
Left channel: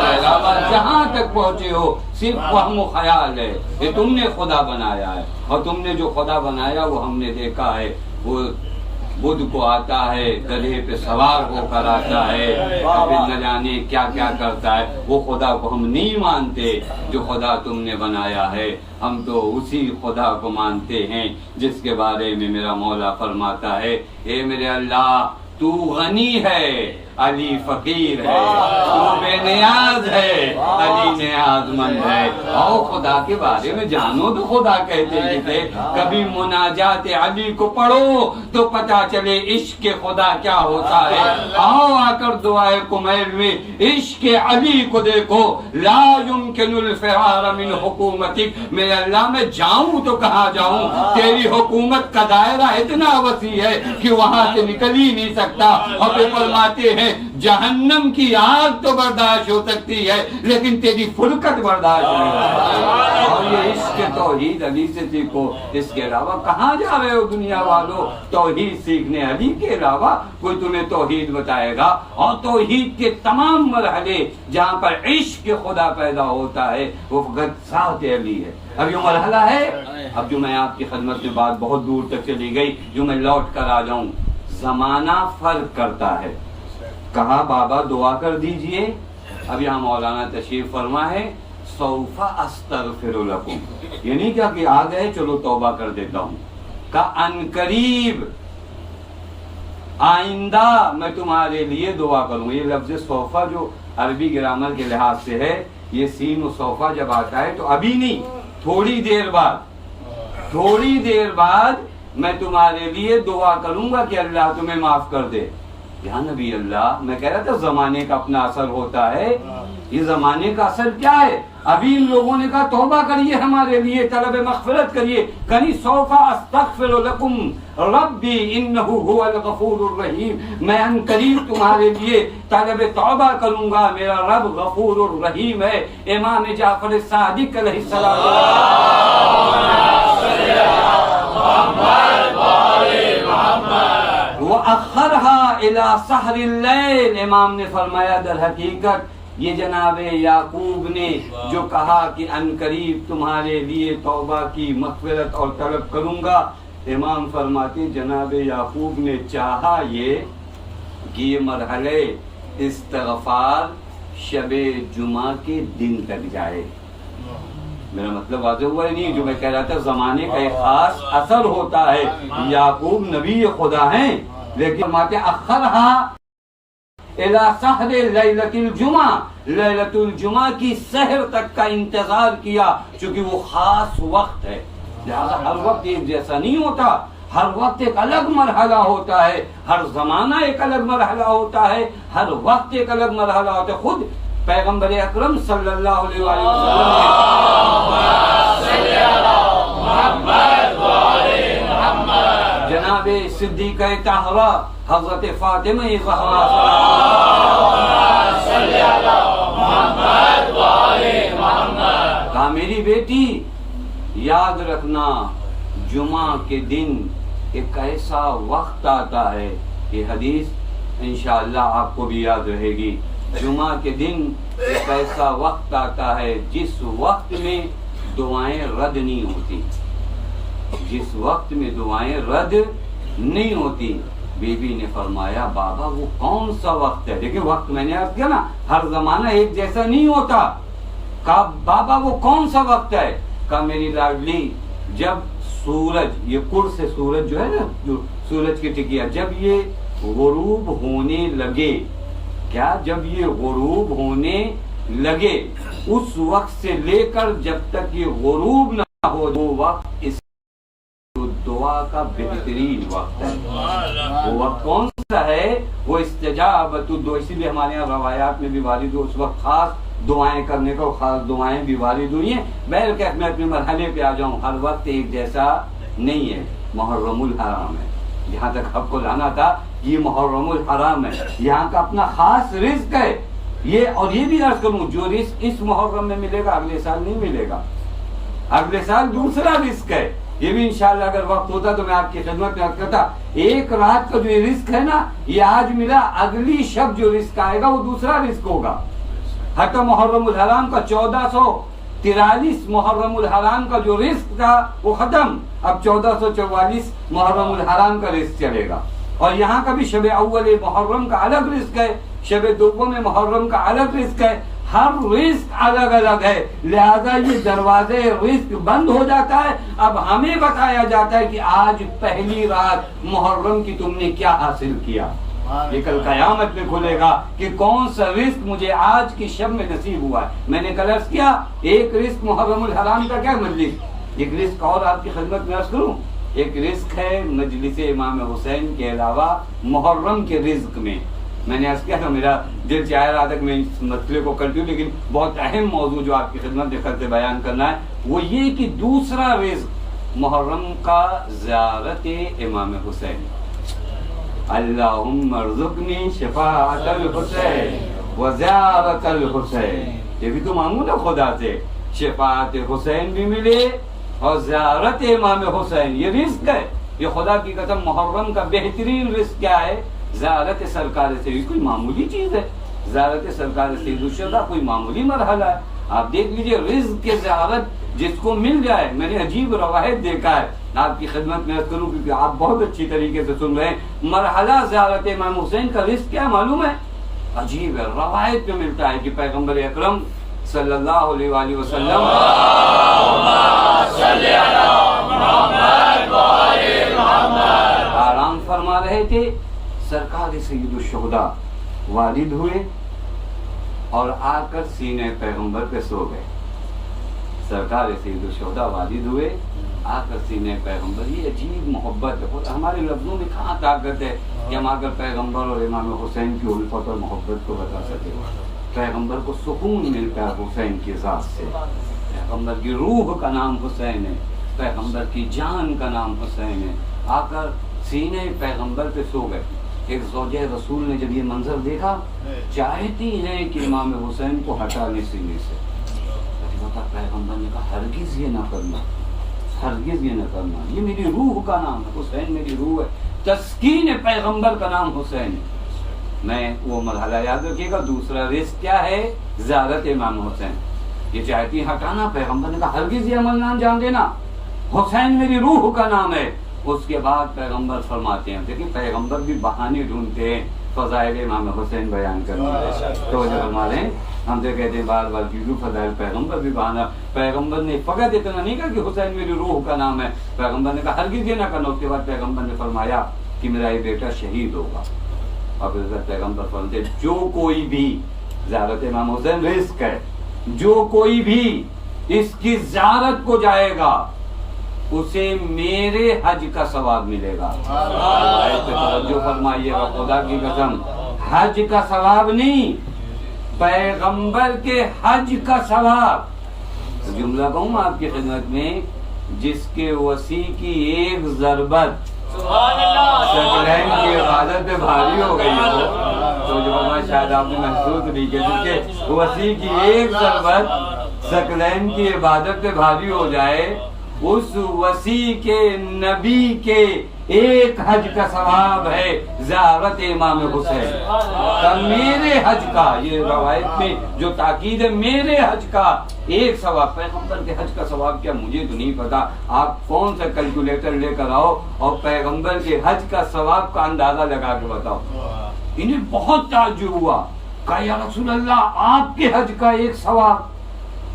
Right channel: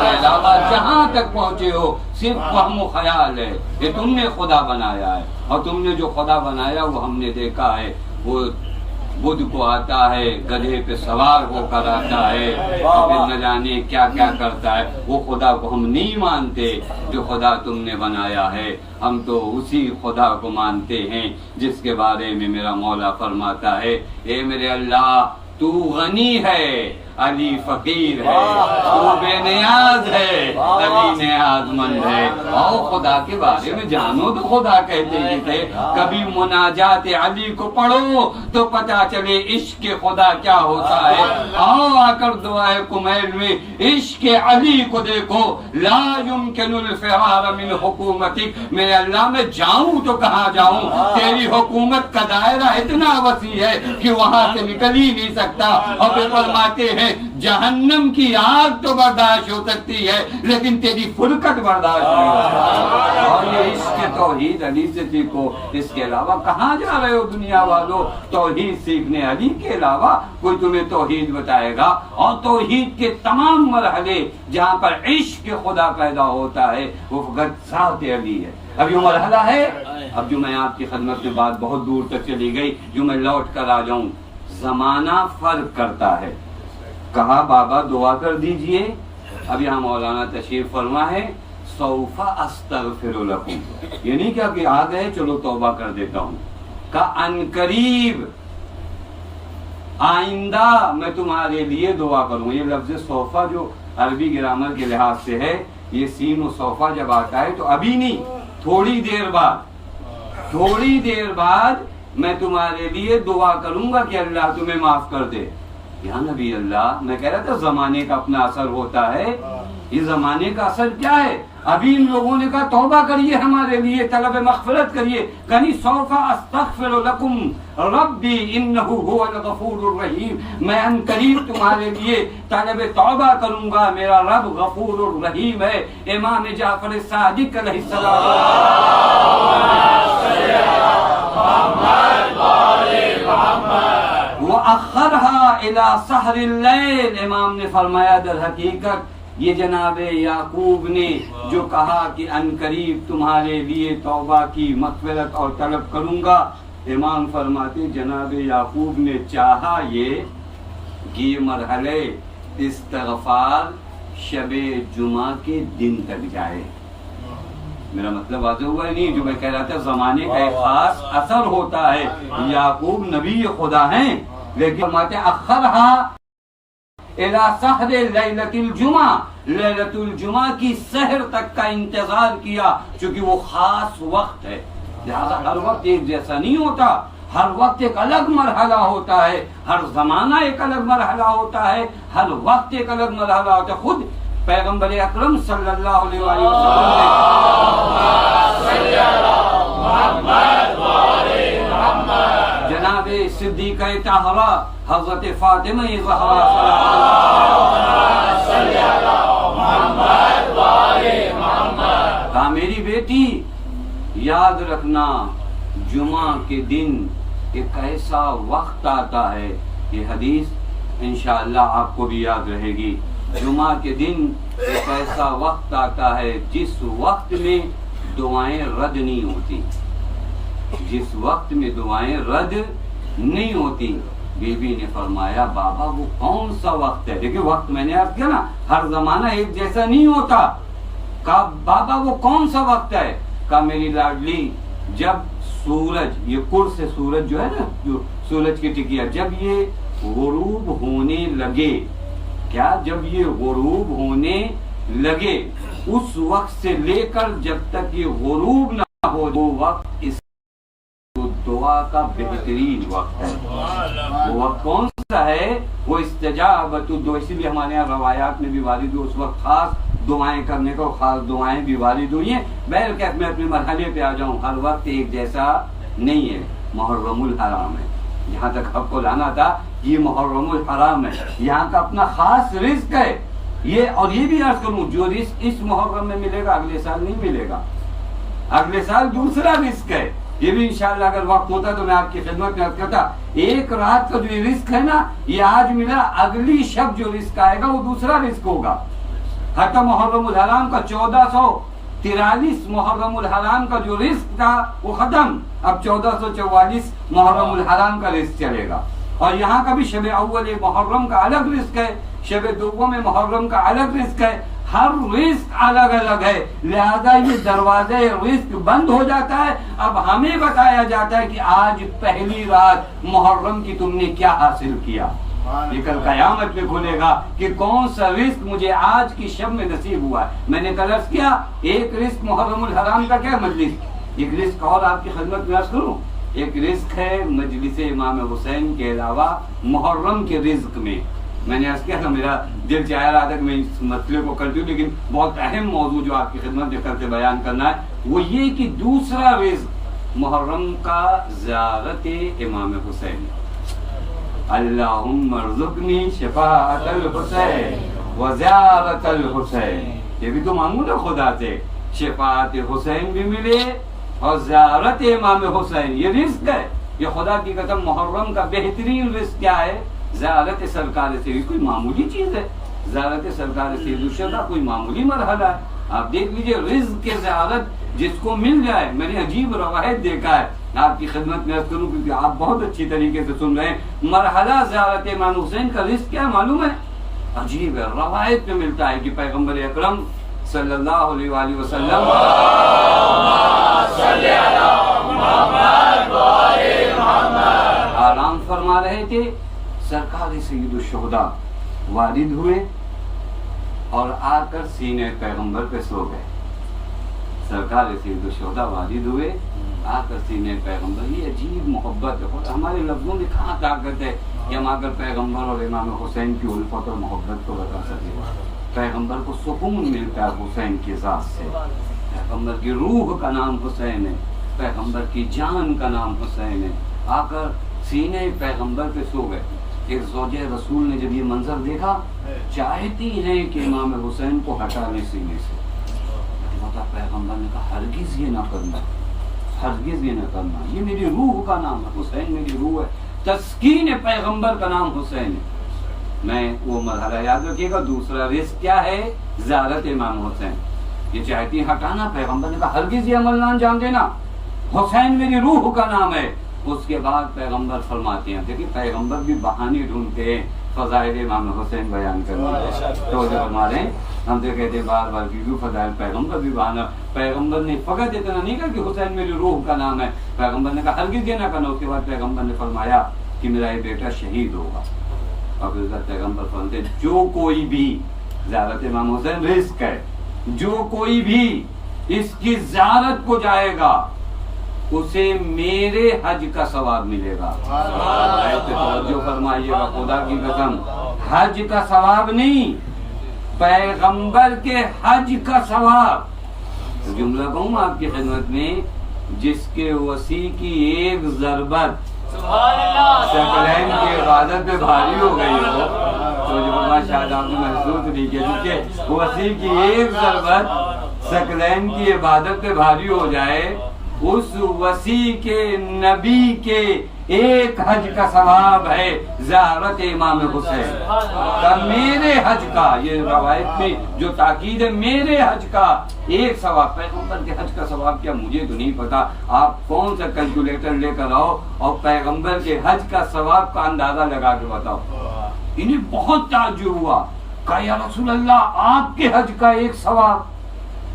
کے علاوہ جہاں تک پہنچے ہو صرف وہم و خیال ہے، یہ تم نے خدا بنایا ہے، اور تم نے جو خدا بنایا وہ ہم نے دیکھا ہے، وہ بدھ کو آتا ہے، گدھے پہ سوار ہو کر آتا ہے، اور پھر نہ جانے کیا کیا کرتا ہے، وہ خدا کو ہم نہیں مانتے جو خدا تم نے بنایا ہے، ہم تو اسی خدا کو مانتے ہیں جس کے بارے میں میرا مولا فرماتا ہے، اے میرے اللہ تو غنی ہے، علی فقیر ہے، تو بے نیاز ہے، علی نیاز مند ہے۔ اور خدا کے بارے میں جانو تو خدا کہتے ہی تھے، کبھی مناجات علی کو پڑھو تو پتہ چلے عشق خدا کیا ہوتا ہے۔ آؤ آ کر دعائے کمیل میں عشق علی کو دیکھو، لا يمكن الفرار من حکومتک، میرے اللہ میں جاؤں تو کہاں جاؤں، تیری حکومت کا دائرہ اتنا وسیع ہے کہ وہاں سے نکل ہی نہیں سکتا۔ اور پھر فرماتے ہیں جہنم کی آگ تو برداشت ہو سکتی ہے لیکن تیری فرقت برداشت نہیں ہو سکتی۔ اور یہ عشق توحید علی سے سیکھو، اس کے علاوہ کہاں جا رہے ہو دنیا والو توحید سیکھنے؟ علی کے علاوہ کوئی تمہیں توحید بتائے گا؟ اور توحید کے تمام مرحلے جہاں پر عشق خدا پیدا ہوتا ہے وہ فقط ذات علی ہے۔ اب یہ مرحلہ ہے، اب جو میں آپ کی خدمت میں بات بہت دور تک چلی گئی، جو میں لوٹ کر آ جاؤں، زمانہ فرق کرتا ہے۔ کہا بابا دعا کر دیجئے، اب یہاں مولانا تشریف فرما ہے، سوف استغفر لکم، یہ نہیں کیا کہ آ گئے چلو توبہ کر دیتا ہوں، کہ ان قریب آئندہ میں تمہارے لیے دعا کروں۔ یہ لفظ صوفہ جو عربی گرامر کے لحاظ سے ہے، یہ سین و صوفہ جب آتا ہے تو ابھی نہیں، تھوڑی دیر بعد میں تمہارے لیے دعا کروں گا کہ اللہ تمہیں معاف کر دے۔ یا نبی اللہ، میں کہہ رہا تھا زمانے کا اپنا اثر ہوتا ہے، یہ زمانے کا اثر کیا ہے؟ ابھی ان لوگوں نے کہا توبہ کریے ہمارے لیے، طلب مغفرت کریے، کہیں سوف استغفر لکم ربی انہ هو الغفور الرحیم، میں ان قریب تمہارے لیے طلب توبہ کروں گا، میرا رب غفور الرحیم ہے۔ امام جعفر صادق علیہ وَأَخَّرْهَا إِلَى سَحْرِ اللَّيْلِ، امام نے فرمایا در حقیقت یہ جناب یعقوب نے جو کہا کہ ان قریب تمہارے لیے توبہ کی مغفرت اور طلب کروں گا، امام فرماتے جناب یعقوب نے چاہا یہ کہ یہ مرحلے استغفار شب جمعہ کے دن تک جائے۔ میرا مطلب واضح ہوا ہے نہیں؟ جو میں کہہ رہا تھا زمانے کا ایک خاص اثر ہوتا ہے، یعقوب نبی خدا ہیں لیکن فرماتے اخرہا الی سحر لیلۃ الجمعہ، لیلۃ الجمعہ کی سحر تک کا انتظار کیا، چونکہ وہ خاص وقت ہے، لہذا ہر وقت ایک جیسا نہیں ہوتا، ہر وقت ایک الگ مرحلہ ہوتا ہے، ہر زمانہ ایک الگ مرحلہ ہوتا ہے، ہر وقت ایک الگ مرحلہ ہوتا ہے۔ خود پیغمبر اکرم صلی اللہ علیہ وسلم نے جناب صدیقہ طاہرہ حضرت فاطمہ زہرا کہا میری بیٹی یاد رکھنا جمعہ کے دن ایک ایسا وقت آتا ہے، یہ حدیث انشاءاللہ آپ کو بھی یاد رہے گی، جمعہ کے دن ایک ایسا وقت آتا ہے جس وقت میں دعائیں رد نہیں ہوتی، جس وقت میں دعائیں رد نہیں ہوتی۔ بی بی نے فرمایا بابا وہ کون سا وقت ہے؟ دیکھیں وقت میں نے عرض کیا نا ہر زمانہ ایک جیسا نہیں ہوتا۔ کہا بابا وہ کون سا وقت ہے؟ کہا میری لاڈلی جب سورج، یہ کڑ سے سورج جو ہے نا، جو سورج کی ٹکیا، جب یہ غروب ہونے لگے، کیا جب یہ غروب ہونے لگے اس وقت سے لے کر جب تک یہ غروب نہ ہو، وہ وقت اس دعا کا بہترین وقت ہے۔ وہ وقت کون سا ہے؟ وہ استجابت الدعاء۔ اسی لیے ہمارے یہاں روایات میں بھی وارد ہو اس وقت خاص دعائیں کرنے کو، خاص دعائیں بھی وارد ہوئی ہیں۔ بہر کہ میں اپنے مرحلے پہ آ جاؤں، ہر وقت ایک جیسا نہیں ہے۔ محرم الحرام ہے، جہاں تک آپ کو لانا تھا یہ محرم الحرام ہے، یہاں کا اپنا خاص رزق ہے یہ۔ اور یہ بھی عرض کروں جو رزق اس محرم میں ملے گا اگلے سال نہیں ملے گا، اگلے سال دوسرا رزق ہے۔ یہ بھی انشاءاللہ اگر وقت ہوتا تو میں آپ کی خدمت میں عرض کرتا، ایک رات کا جو رزق ہے نا یہ آج ملا، اگلی شب جو رزق آئے گا وہ دوسرا رزق ہوگا۔ حتی محرم الحرام کا 1443 محرم الحرام کا جو رزق تھا وہ ختم، اب 1444 محرم الحرام کا رزق چلے گا۔ اور یہاں کا بھی شب اول محرم کا الگ رزق ہے، شب دوم محرم کا الگ رزق ہے، ہر رزق الگ الگ ہے، لہذا یہ دروازے رزق بند ہو جاتا ہے۔ اب ہمیں بتایا جاتا ہے کہ آج پہلی رات محرم کی تم نے کیا حاصل کیا، یہ کل قیامت میں کھلے گا کہ کون سا رزق مجھے آج کی شب میں نصیب ہوا ہے۔ میں نے کل عرض کیا ایک رزق محرم الحرام کا کیا مجلس، ایک رزق اور آپ کی خدمت میں عرض کروں، ایک رزق ہے مجلس امام حسین کے علاوہ محرم کے رزق میں نے عرض کیا تھا میرا دل چاہ رہا تھا کہ میں اس مسئلے کو کرتی ہوں، لیکن بہت اہم موضوع جو آپ کی خدمت میں کرتے بیان کرنا ہے وہ یہ کہ دوسرا رزق محرم کا زیارت امام حسین۔ اللہم ارزقنی شفاعت الحسین و زیارت الحسین، یہ بھی تو مانگو نا خدا سے، شفاعت حسین بھی ملے اور زیارت امام حسین، یہ رزق ہے۔ یہ خدا کی قسم محرم کا بہترین رزق کیا ہے؟ زیارت سرکار سید، کوئی معمولی چیز ہے؟ زیارت سرکار سید الشہداء کوئی معمولی مرحلہ ہے؟ آپ دیکھ لیجئے رزق کے زیارت جس کو مل جائے، میں نے عجیب روایت دیکھا ہے آپ کی خدمت میں عرض کروں کیونکہ آپ بہت اچھی طریقے سے سن رہے ہیں۔ مرحلہ زیارت امام حسین کا رزق کیا ہے معلوم ہے؟ عجیب ہے، روایت میں ملتا ہے کہ پیغمبر اکرم صلی اللہ علیہ وآلہ وسلم آرام فرما رہے تھے، سرکار سید الشہداء وارد ہوئے اور آ کر سینے پیغمبر پہ سو گئے۔ سرکار سید الشہداء وارد ہوئے، آ کر سینے پیغمبر، یہ عجیب محبت ہے، ہمارے لفظوں میں کہاں طاقت ہے کہ ہم آ کر پیغمبر اور امام حسین کی الفت اور محبت کو بتا سکے۔ پیغمبر کو سکون ملتا ہے حسین کی ذات سے، پیغمبر کی روح کا نام حسین ہے، پیغمبر کی جان کا نام حسین ہے۔ آ کر سینے پیغمبر پہ سو گئے۔ ایک زوجہ رسول نے جب یہ منظر دیکھا چاہتی ہیں کہ امام حسین کو ہٹا لیں سینے سے، لیکن پیغمبر نے کہا ہرگز یہ نہ کرنا، ہرگز یہ نہ کرنا، یہ میری روح کا نام ہے، حسین میری روح ہے، تسکین پیغمبر کا نام حسین ہے۔ میں وہ مرحلہ یاد رکھیے گا۔ دوسرا رزق کیا ہے؟ زیارت امام حسین، یہ چاہتی ہٹانا، پیغمبر نے کہا ہرگز یہ عمل نہ انجام دینا، حسین میری روح کا نام ہے۔ اس کے بعد پیغمبر فرماتے ہیں، دیکھیں پیغمبر بھی بہانے ڈھونڈتے ہیں فضائل امام حسین بیان کرنے، تو فرما رہے ہیں ہم تو کہتے ہیں بار بار کیوں فضائل، پیغمبر بھی بہانا، پیغمبر نے فقط اتنا نہیں کہا کہ حسین میری روح کا نام ہے، پیغمبر نے کہا ہرگز یہ نہ کرنا۔ اس کے بعد پیغمبر نے فرمایا کہ میرا یہ بیٹا شہید ہوگا، اور پھر پیغمبر فرماتے جو کوئی بھی، زیارت امام حسین رزق ہے، جو کوئی بھی اس کی زیارت کو جائے گا اسے میرے حج کا ثواب ملے گا۔ توجہ فرمائیے گا، خدا کی قسم حج کا ثواب نہیں، پیغمبر کے حج کا ثواب۔ جملہ کہوں آپ کی خدمت میں، جس کے وسیع کی ایک ضربت ثقلین کی عبادت پہ بھاری ہو گئی ہو، تو جو شاید آپ نے محسوس نہیں کیا، جس کے وسیع کی ایک ضربت ثقلین کی عبادت پہ بھاری ہو جائے، اس وسیع کے نبی کے ایک حج کا ثواب ہے زیارت امام حسین کا، میرے حج کا، یہ روایت میں جو تاکید ہے، میرے حج کا ایک ثواب، پیغمبر کے حج کا ثواب کیا مجھے تو نہیں پتا، آپ کون سا کیلکولیٹر لے کر آؤ اور پیغمبر کے حج کا ثواب کا اندازہ لگا کے بتاؤ۔ انہیں بہت تعجب ہوا، کہا یا رسول اللہ آپ کے حج کا ایک ثواب،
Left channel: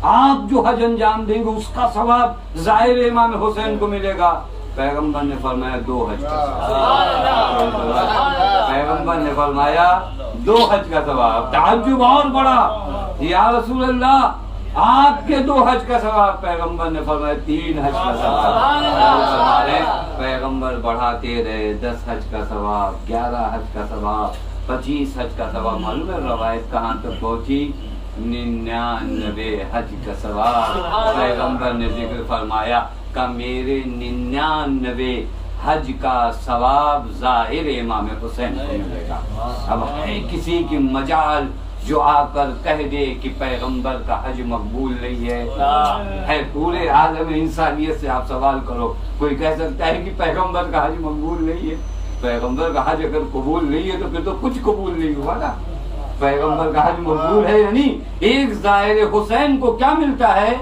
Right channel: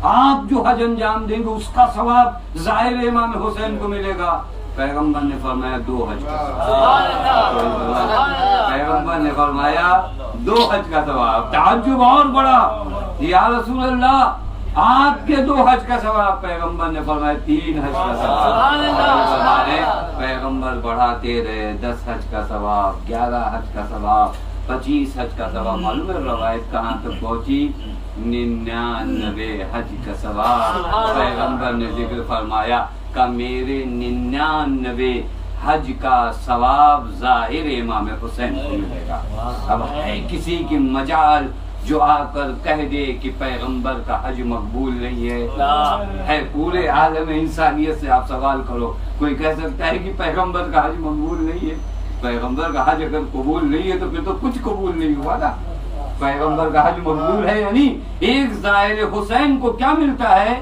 آپ جو حج انجام دیں گے اس کا ثواب ظاہر امام حسین کو ملے گا۔ پیغمبر نے فرمایا 2 حج کا ثواب، پیغمبر نے فرمایا 2 حج کا ثواب۔ تعجب اور بڑا، یا رسول اللہ آپ کے 2 حج کا ثواب، پیغمبر نے فرمایا 3 حج کا ثواب۔ ہمارے پیغمبر بڑھاتے رہے، 10 حج کا ثواب، 11 حج کا ثواب، 25 حج کا ثواب۔ معلوم ہے روایت کہاں تک پہنچی؟ 99 حج کا ثواب۔ پیغمبر نے ذکر فرمایا کہ میرے 99 حج کا ثواب ظاہر امام حسین کو ملے گا۔ اب ہے کسی کی مجال جو آ کر کہہ دے کہ پیغمبر کا حج مقبول نہیں ہے پورے عالم انسانیت سے آپ سوال کرو، کوئی کہہ سکتا ہے کہ پیغمبر کا حج مقبول نہیں ہے؟ پیغمبر کا حج اگر قبول نہیں ہے تو پھر تو کچھ قبول نہیں ہوا نا۔ پیغمبر کا حج مقبول ہے یعنی ایک ظاہر حسین کو کیا ملتا ہے؟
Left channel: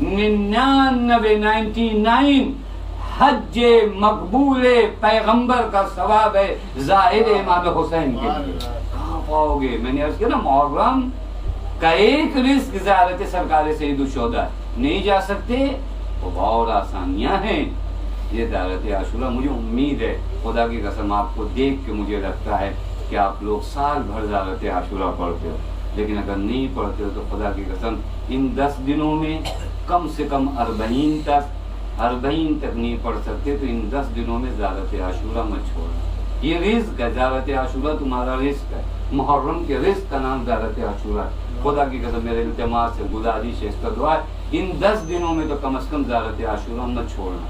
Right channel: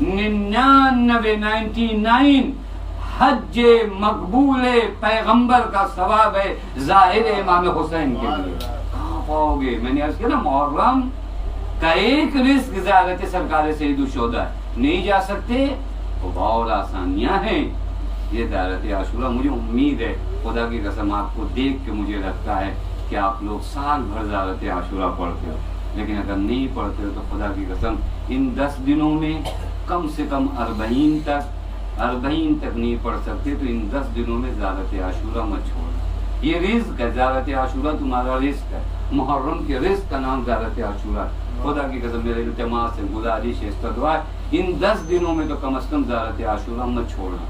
99 حج مقبول پیغمبر کا ثواب ہے ظاہر امام حسین کے لیے۔ کہاں پاؤ گے؟ میں نے عرض کیا نا، محرم کا ایک رزق زیارت سرکار سید الشہداء، نہیں جا سکتے وہ اور آسانیاں ہیں۔ یہ زیارت عاشورہ، مجھے امید ہے، خدا کی قسم آپ کو دیکھ کے مجھے لگتا ہے کہ آپ لوگ سال بھر زیارت عاشورہ پڑھتے ہو، لیکن اگر نہیں پڑھتے ہو تو خدا کی قسم ان 10 دنوں میں کم سے کم 40 تک نہیں پڑھ سکتے تو ان 10 دنوں میں زیارت عاشورہ مت چھوڑنا۔ یہ رزق ہے، زیارت عاشورہ تمہارا رزق ہے، محرم کے رزق کا نام زیارت عاشورہ ہے۔ خدا کی قسم میرے التماس ہے، گزارش ہے، استدعا ہے، ان 10 دنوں میں تو کم از کم زیارت عاشورہ مت چھوڑنا۔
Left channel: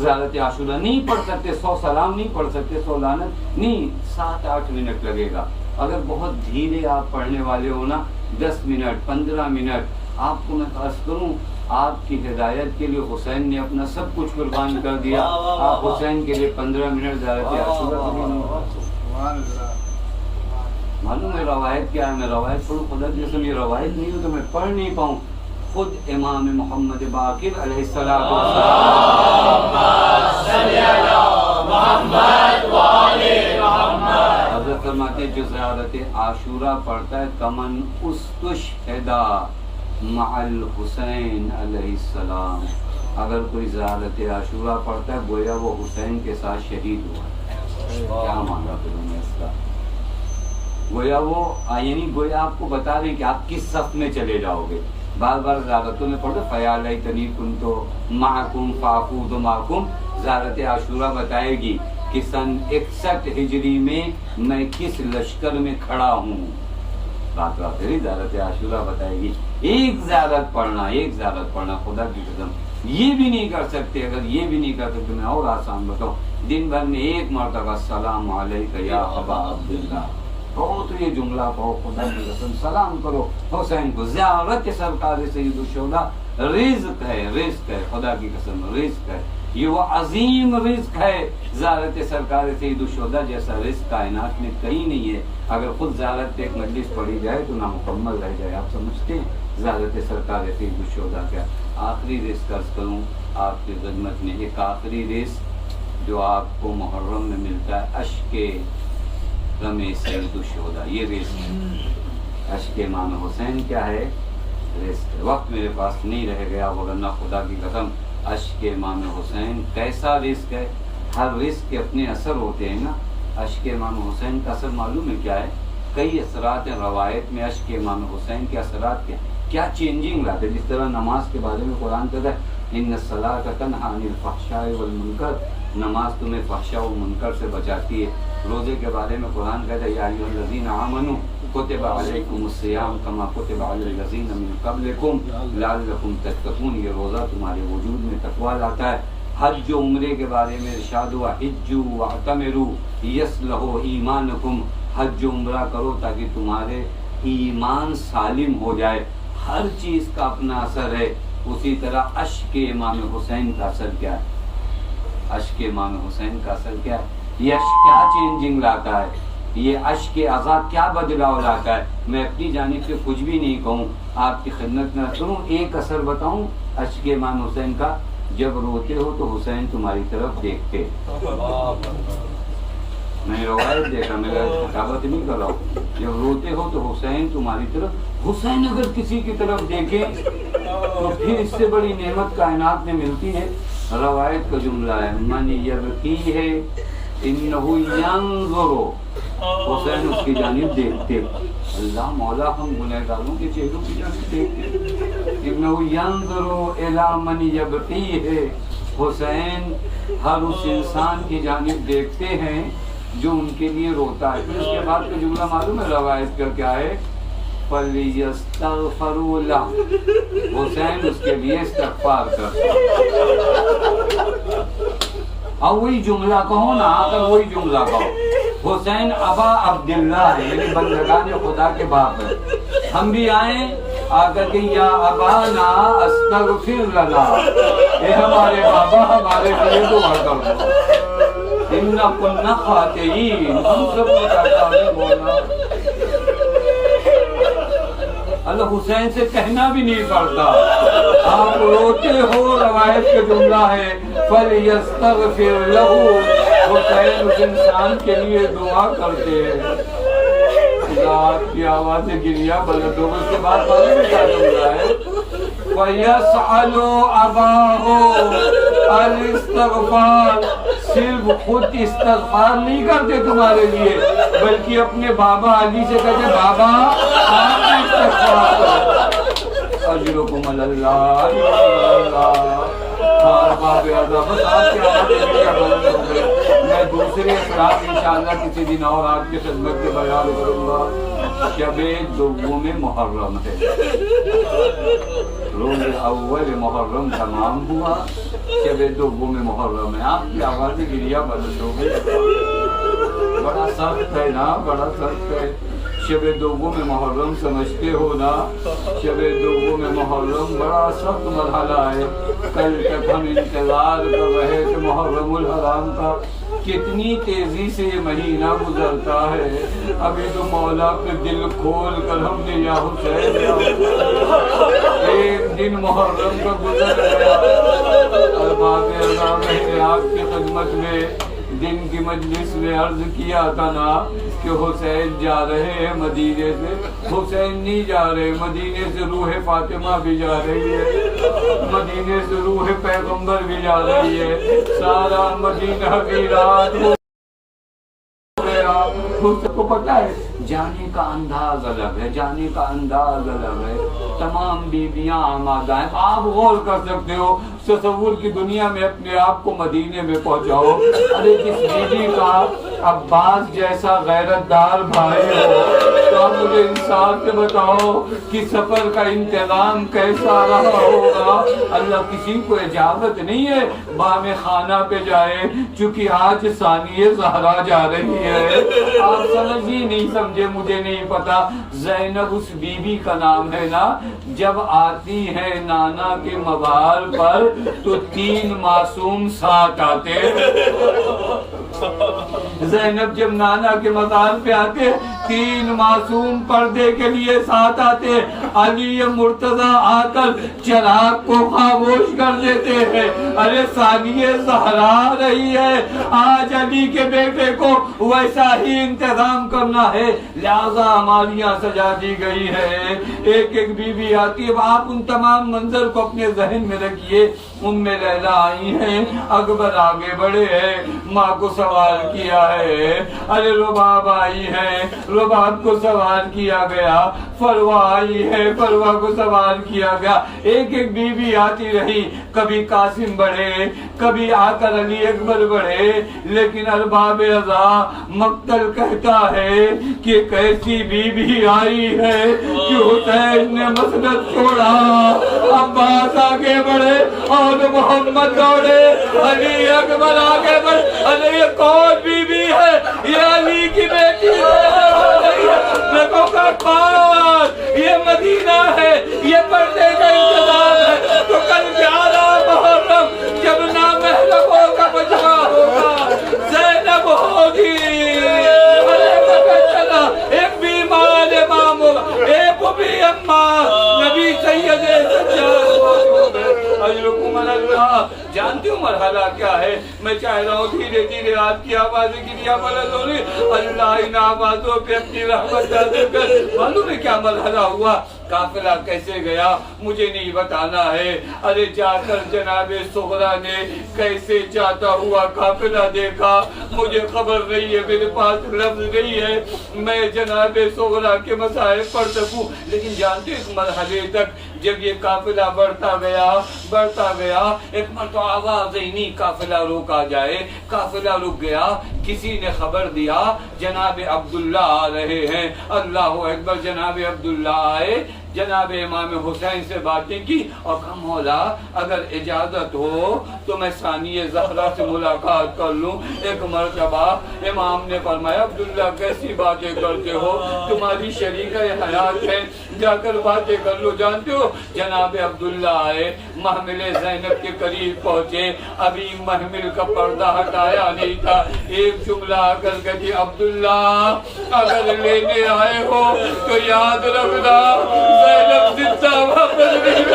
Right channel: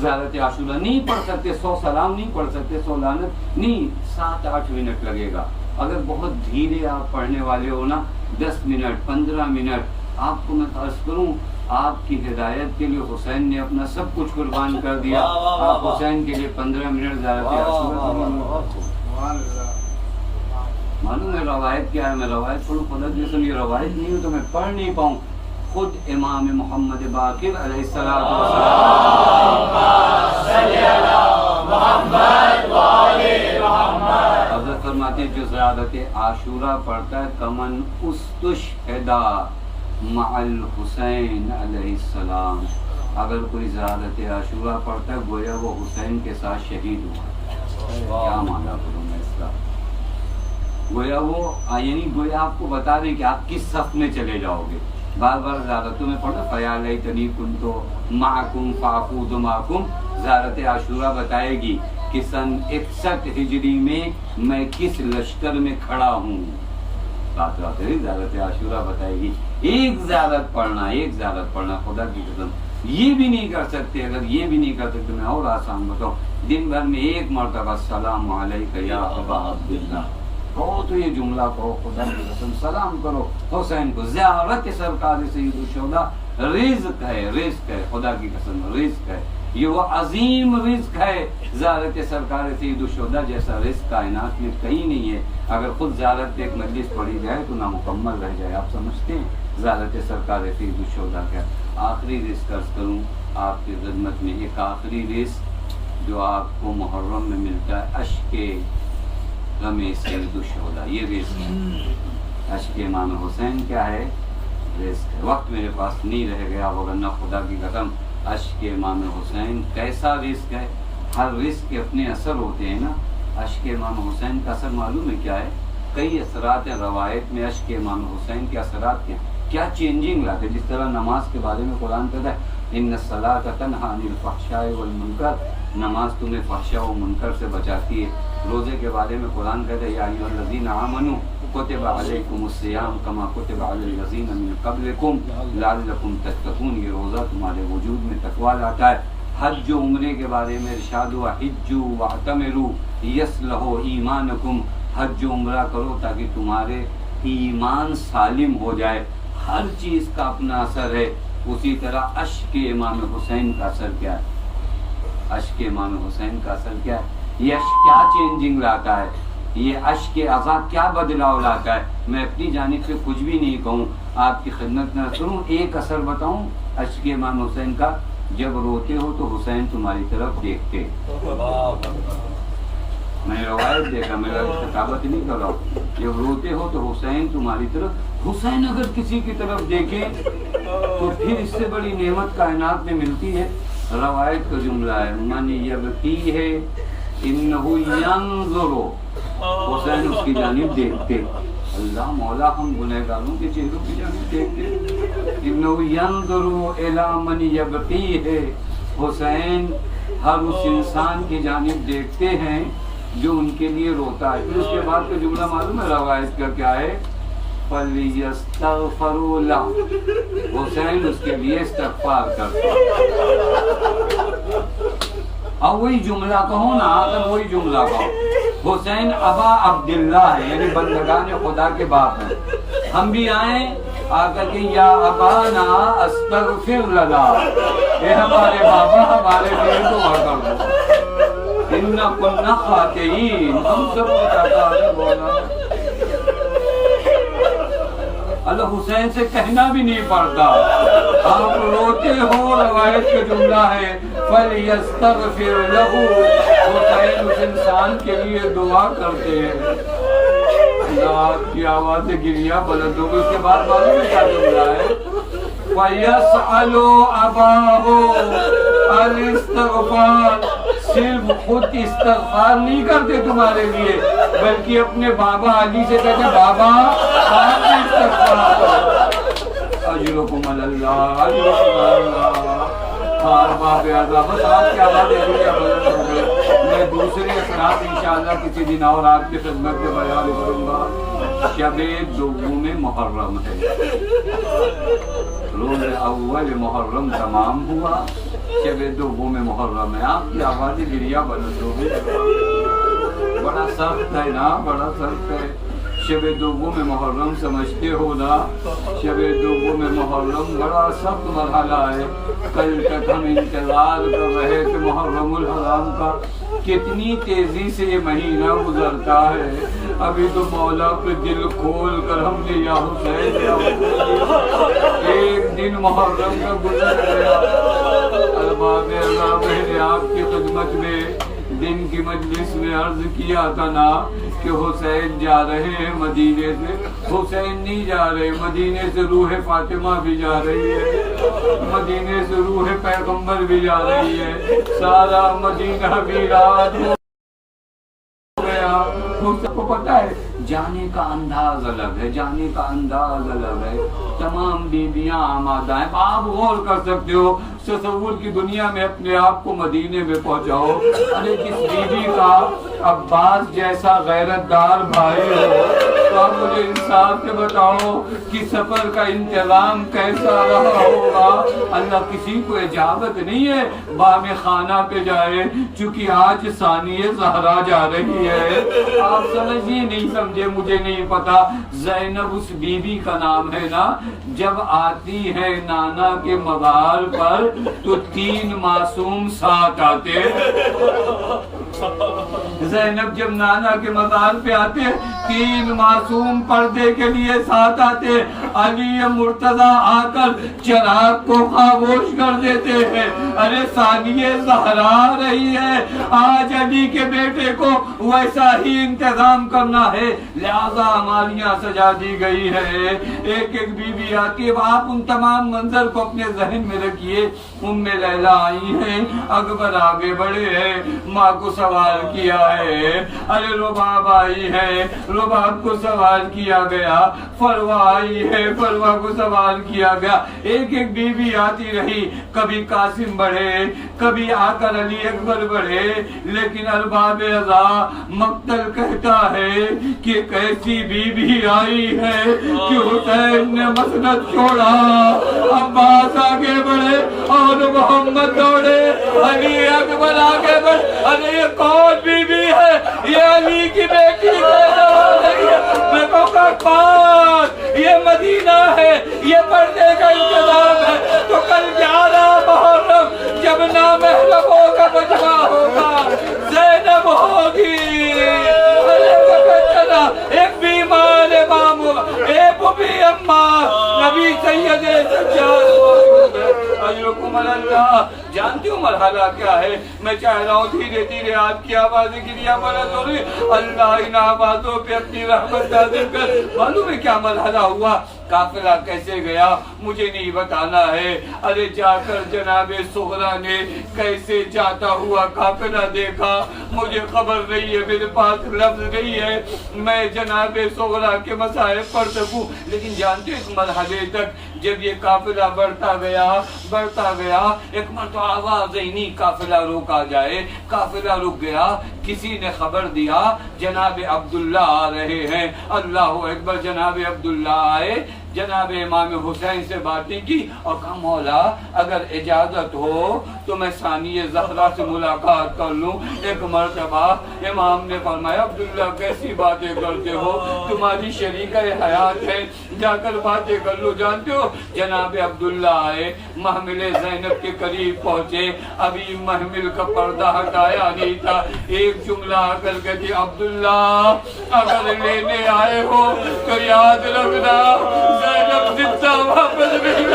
زیارت عاشورہ نہیں پڑھ سکتے، 100 سلام نہیں پڑھ سکتے، 100 لعنت نہیں، 7-8 منٹ لگے گا۔ اگر بہت دھیرے آپ پڑھنے والے ہو نا، 10 منٹ 15 منٹ، آپ کو میں عرض کروں آپ کی ہدایت کے لیے حسین نے اپنا سب کچھ قربان کر دیا، آپ حسین کے لیے 15 منٹ زیارت عاشورہ کے لیے نہیں پڑھ سکتے۔ معلوم ہے روایت کیا ہے؟ میں روایت پڑھوں، خدا کی قسم یہ روایت نہیں ہو تو میں پڑھ نہیں پاؤں۔ خود امام محمد باقر علیہ السلام حضرت فرماتے جو زیارت عاشورہ پڑھتا ہے کمن استشہدا مع الحسین علیہ السلام، اگر کوئی زیارت عاشورہ پڑھتا ہے گویا وہ حسین کے ساتھ شہید ہوا ہے۔ کیا مانا کروں میں اس کا؟ گویا وہ یعنی گویا آپ کو بتا دیں کہ آپ کس صف میں چلے جاؤ گے۔ بار بار زیارتوں میں پڑھو، فیال لیتنی کنت معکم فافوز معکم، زیارت عاشورہ بتائے گی کہ سن 61 ہجری میں کس لشکر میں کھڑا ہوں۔ بات آخری زیارت عاشورہ بتائے گی۔ ایک زیارت پڑھنا خدا کی قسم یہ بھی نہیں کر سکتے۔ اگر یہ بھی نہیں کر سکتے میں اور آسان بتاؤں، دن بھر میں ایک مرتبہ السلام علیک یا ابا عبداللہ کہو تو یہ جملہ کہو، خدا کی قسم سلام کرو حسین کو۔ زیارت سرکار سید الشہداء رزق ہے، خدا کی قسم رزق ہے، یہ وہ عظیم رزق ہے۔ زیارت سرکار سید الشہداء جیسا رزق کائنات میں کہیں نہیں ہے۔ اگر خود زیارت ایک مجلس پڑھی جائے تو نامکمل رہ جائے۔ آپ سمجھتے ہیں زیارت سرکار سید الشہداء کیا؟ آخری رزق عرض کروں آپ کی خدمت میں، ایک آخری رزق جو آپ کو محرم میں ملتا ہے، اشک غم سید الشہداء، یہ رزق ہے۔ اشک امام حسین کیا ہے؟ رزق ہے۔ وقت میرے پاس نہیں رہ گیا، ورنہ خدا کی قسم اشک امام حسین کیسا رزق ہے۔ ہر رزق کے اپنے اثر ہوتے ہیں نا۔ اشک امام حسین کا اثر معلوم ہے کیا ہے؟ کئی اثرات ہیں روایت میں اشک امام حسین کے اثرات کے کیا چینجنگ لاتے، جس طرح نماز کے بارے میں قرآن کہتا ہے ان الصلاۃ تنہی عن الفحشاء والمنکر، نماز تمہیں فحشاء و منکر سے بچاتی ہے۔ روزے کے بارے میں قرآن کہتا ہے یا ایھا الذین آمنوا کتب علیکم الصیام کما کتب علی الذین من قبلکم لعلکم تتقون، یہ روزہ تمہارے وجود میں تقویٰ لاتا ہے۔ حج و عمرے کے بارے میں ارشاد ہوا حجوا واعتمروا یصلح ایمانکم، حج و عمرہ کرو تاکہ تمہارے ایمان سالم ہو جائے۔ ہر چیز کا اپنا اثر ہے، اسی طرح اشک امام حسین کا اثر کیا ہے؟ اشک امام حسین کا اثر کیا ہے؟ یہ اشک کیا چینجنگ لاتا ہے؟ یہ اشک عزا کیا بدلاؤ لاتا ہے؟ میں اپنی جانب سے کچھ بھی نہیں کہوں، آپ کی خدمت میں سنوں ایک اثر بتاؤں اشک امام حسین کا. جب روتے ہو تو حسین تمہاری طرف دیکھتے. میں روایت دیکھا، میرا خطابت نہیں کر رہا ہوں. جب روتے ہو تو حسین تمہاری طرف، حسین اگر کسی کی طرف دیکھے تو پھر اس سے بڑی نعمت کائنات میں ملتی ہے. روایت کا جملہ ہے من یبکی ہے انہو ینظر، حسین اس کی جانب دیکھتے. اللہ مولا ہم گنہگاروں کے چہروں کی جانب دیکھتے. انہو ینظر الی من یبکی ہے، حسین ہر اس انسان کی جانب دیکھتے ہیں جو ان کے لیے روتا ہے. پھر اس کے بعد کا جملہ معلوم ہے روایت کا کیا ہے؟ فَلْيَسْتَغْفَرُوا لَهُ، حسین اس کے لیے استغفار کرتے. اب وہی جملہ کہو نا، اگر وہی جملہ کہو. حسین ابا عبداللہ ہے، یعنی بندگان خدا کے باپ ہیں. ہم بھی آئیں آ کر کے یا ابانا استغفر لنا، اے ہمارے بابا ہمارے لیے دعا کر دو. اِنَّا كُنَّا خَاطِئِينَ، ہم سب کو کہتا ہے بولا. اللہ حسین سے کہنا بھی نہیں پڑتا. آپ روتے ہو، روایت کا جملہ ہے فَلْيَسْتَغْفِرْ لَهُ، حسین اس انسان کے لیے دعا کرتے ہیں. اللہ کی آواز سے گریا بلند ہو. اس کے بعد معلوم کیا جملہ ہے؟ فَيَسْأَلُ أَبَاهُ الْإِسْتِغْفَارَ، صرف خود استغفار نہیں کرتے تمہارے لیے، بلکہ اپنے بابا علی سے کہتے بابا آپ استغفار کرو. اجرکم اللہ، اجرکم اللہ. باب اعظم، بس آپ کی آواز میں دوسرے اثرات انشاءاللہ کسی دن اور آپ کی خدمت میں بیان کروں گا. شب دوم محرم ہے، روز اول محرم تمام ہوا، شب دوم محرم ہے. آپ کی آواز گریا بلند ہو گئی. بڑا سخت ہے نا، بڑا سخت ہے. شب دوم محرم سمجھتے ہو نا، شب دوم محرم بڑا سخت مرحلہ ہے. کل تک ہم انتظار کر رہے تھے محرم الحرام کا، کتنی تیزی سے یہ مہینہ گزرتا ہے. ابھی تو مولا پہ دل کھول کر ہم نے یا حسین ایک دن محرم کا گزر گیا. ارباب اللہ، میں نے آپ کی خدمت میں دن کی مجلس میں عرض کیا تھا نا کہ حسین جا رہے ہیں مدینے سے. حسین نہیں جا رہے، مدینے سے روح فاطمہ بھی جا رہی ہے، مدینے سے روح پیغمبر بھی جا رہی ہے. سارا مدینہ ویران ہو گیا. سب کو پتا ہے جانے کا انداز الگ ہے، جانے کا انداز الگ ہے. تمام بیویاں آمادہ ہیں. آپ غور کر سکتے ہو، تصور کی دنیا میں اپنے آپ کو مدینے میں پہنچاؤ. ارے جس بیوی کا عباس جیسا غیرت دار بھائی ہو تو اب مجھے انصاف سے بتاؤ کہ سفر کا انتظام کیسا رہا ہوگا. اللہ کسی کو اجازت نہیں ہے بام خانہ پہ جائے، چونکہ آج ثانیہ زہرا جا رہی ہے. آپ سمجھیے نہیں سمجھے مجھے نہیں پتا. زینب اس بیوی کا نام ہے نا. جب آتی ہے نانا کے مزار پر تو 3 معصوم ساتھ آتے. زینب جب نانا کے مزار پہ آتے 3 معصوم پردے کے لیے ساتھ آتے. علی مرتضی آ کر چراغ کو خاموش کر دیتے ہیں. ارے ثانیہ زہرا رہی ہے، آج علی کے بیٹے کو ویسا ہی انتظام کرنا ہے، لہذا ہماریاں سجا دی گئی ہے. ایک ایک بیوی آتی ہے. آپ ان تمام منظر کو اپنے ذہن میں رکھیے. ام لیلا آئی ہیں، اکبر آگے بڑھے ہیں، ماں کو سوال کیا ہے. ارے رباب آئی ہے، رباب کو سوال کیا گیا. فروا آئی ہے، فروا کو سوال کیا گیا. ایک ایک بیوی آتی رہی. کبھی قاسم بڑھے، کبھی آ کر علی اکبر بڑھے. لیکن ارباب رضا مقتل کہتا ہے کہ کیسی بیوی آئی ہے کہ حسین نے مسند چھوڑا، عباس آگے بڑھے، اور محمد دوڑے، علی اکبر آگے بڑھ، ارے یہ کون بی بی ہے؟ یہ علی کی بیٹی زینب ہو رہی ہے، رکھو کا پاس، یہ مدینہ ہے، یہ پردے کا انتظام ہے۔ تو کل 11 محرم جب نامحرموں کا مجمع ہوگا، زینب ہوگی۔ ارے وقت چلا، ایک بیمار امام ہوگا، ایک بھی اماں، نبی سید سجاد موجود ہے۔ اجرکم اللہ، جانتے ہو مرحلہ کیا ہے؟ میں چاہ رہا ہوں دھیرے دھیرے آج کی آوازیں گریا بلند ہو رہی، اللہ ان آوازوں پہ اپنی رحمت نازل کر۔ معلوم ہے کیا مرحلہ ہوا؟ قافلہ کیسے گیا مجھے نہیں بتانا ہے، ارے جا کر جناب صغرا نے کیسے جاتا ہوا قافلہ دیکھا مجھے خبر نہیں ہے، میرے پاس لفظ نہیں ہے میں جناب صغرا کے مسائل پڑھ سکوں، لیکن جانتے ہو اس مرحلے تک جب یہ قافلہ بڑھتا گیا ایک مرتبہ آواز ہی نہیں قافلہ روکا جائے، قافلہ رک گیا، کسی نے خبر دیا جناب عبداللہ آ رہے ہیں، اللہ اکبر، جناب عبداللہ آئے، جناب امام حسین سے باتیں کی اور کہا مولا اگر اجازت ہو تو میں ثانی زہرا سے ملاقات کر لوں۔ ایک مرتبہ امام نے فرمایا عبداللہ کیسی باتیں کرتے ہو، تمہاری شریکہ حیات ہے، جا کر باتیں کر لو۔ جانتے ہو جناب عبداللہ آئے، محمل زینب کے قریب پہنچے، ابھی محمل کا پردہ ہٹایا نہیں تھا، ایک جملہ آ کر کہتی عبداللہ اگر لینے آئے ہو تو یاد رکھنا زینب زندہ واپس نہیں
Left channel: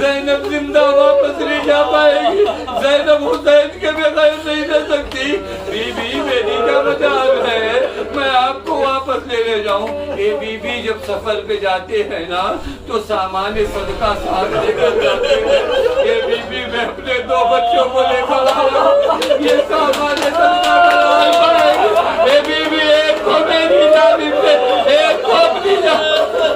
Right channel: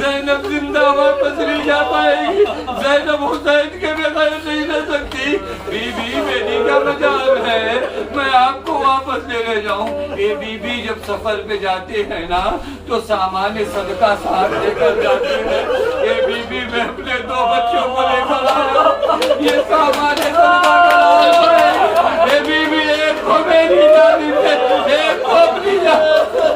زینب زندہ واپس نہیں جا پائے گی، زینب حسین کے بغیر نہیں رہ سکتی۔ بی بی میری کیا مجال ہے میں آپ کو واپس لے لے جاؤں؟ اے بی بی جب سفر پہ جاتے ہیں نا تو سامان صدقہ ساتھ لے کر جاتے ہیں۔ اے بی بی میں اپنے 2 بچوں کو لے کر آیا، یہ سامان صدقہ کا لال پڑے گی۔ اے بی بی ایک کو میری جانب سے، ایک کو اپنی جانب سے۔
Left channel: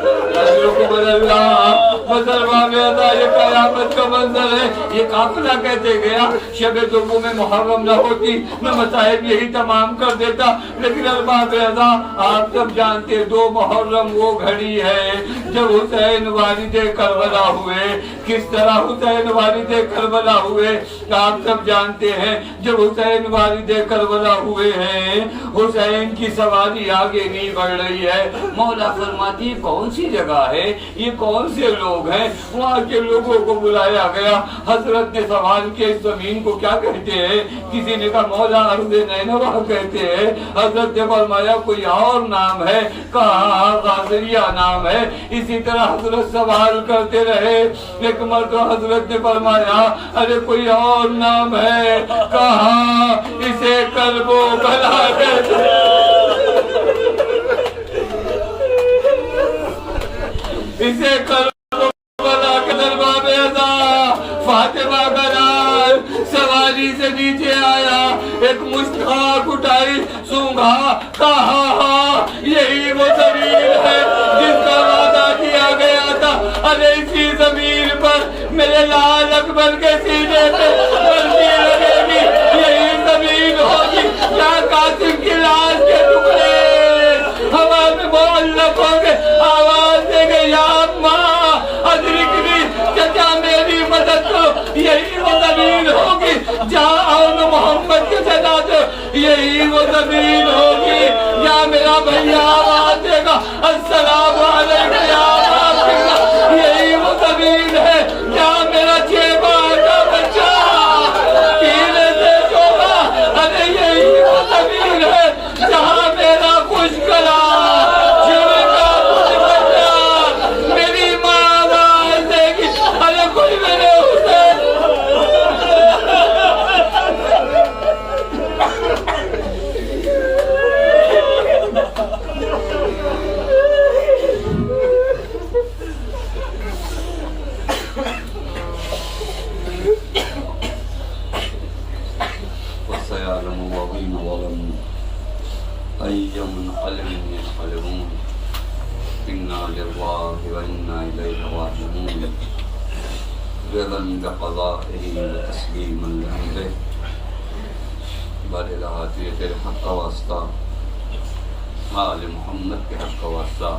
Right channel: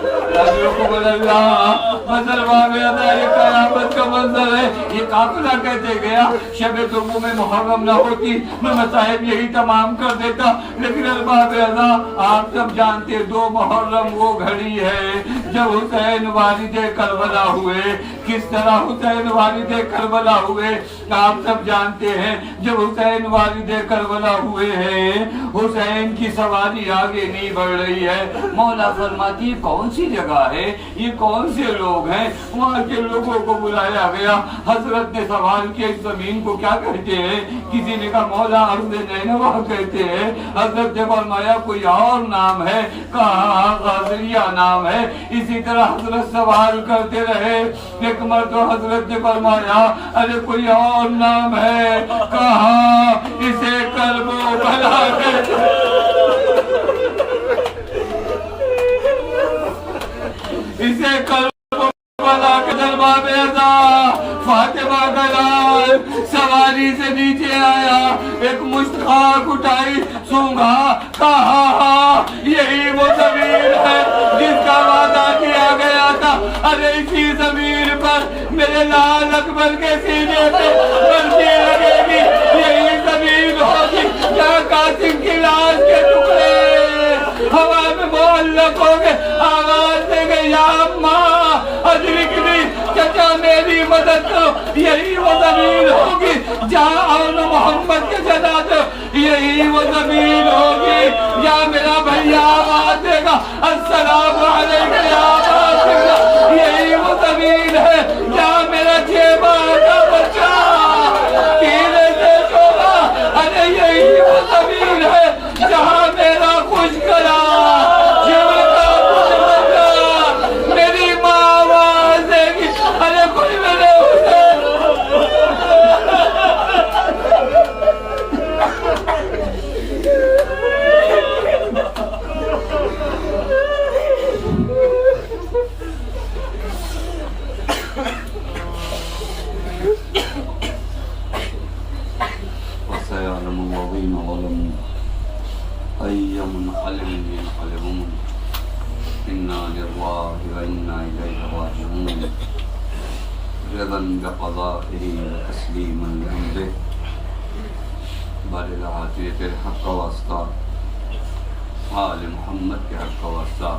مسلمان میں ادا یہ قیامت کا منظر ہے۔ یہ قافلہ کہتے گیا شب دوم میں محرم نہ ہوتی میں مصائب یہی تمام کر دیتا، لیکن ارباب ادا آپ سب جانتے 2 محرم وہ گھڑی ہے جب حسین والد کربلا ہوئے۔ کس طرح حسین والد کربلا ہوئے آپ سب جانتے ہیں۔ جب حسین والد کربلا ہوئے ہیں حسین کی سواری آگے نہیں بڑھ رہی ہے، مولا فرماتی کون سی جگہ ہے، یہ کون سے لوگ ہیں؟ وہاں کے لوگوں کو بلایا گیا، حضرت نے سوال کیا اس زمین کو کیا کہتے ہیں؟ کسی نے کہا مولا ارض نینوا کہتے ہیں۔ حضرت نے فرمایا کوئی اور نام ہے؟ کہا غازریہ نام ہے۔ اسی طرح حضرت سوال کرتے رہے، ایک مرتبہ حضرت نے فرمایا ارے کوئی اور نام ہے؟ کہا اسے کرب و بلا کہتے اسے کرب و بلا کے درباب ادا۔ فاطمہ کا لال سواری سے نیچے آیا، ایک مشتاق اٹھائی، سونگا، کہا یہی وہ زمین ہے جس کا وعدہ کیا گیا تھا، ارے اسی زمین پر میرے لال اکبر کے سینے پہ بلکی لگے گی، یہی زمین ہوگی جہاں قاسم کی لاش کے ٹکڑے ہوا میں معلق ہوں گے، آواز دیں گے یا ماں ادرکنی، چچا میری مدد کرو، یہی وہ زمین ہوگی جہاں آن محمد کے جنازے، یہی وہ زمین ہوگی یا میرا بھیا آواز دے گا السلام علیکم یا باقر، یہی وہ زمین ہے جہاں میرا 6 ماہ کا بچہ تیرے سے چوبا، ارے یہی وہ زمین ہے جہاں میرا خوش کرا میری ماں آواز دے گی، ارے کوئی میرے حسین وسيعلم الذين ظلموا أي منقلب ينقلبون إنا لله وإنا إليه راجعون رضا بقضائه وتسليما لأمره بل العافية الحق واسطة آل محمد کے حق واسطہ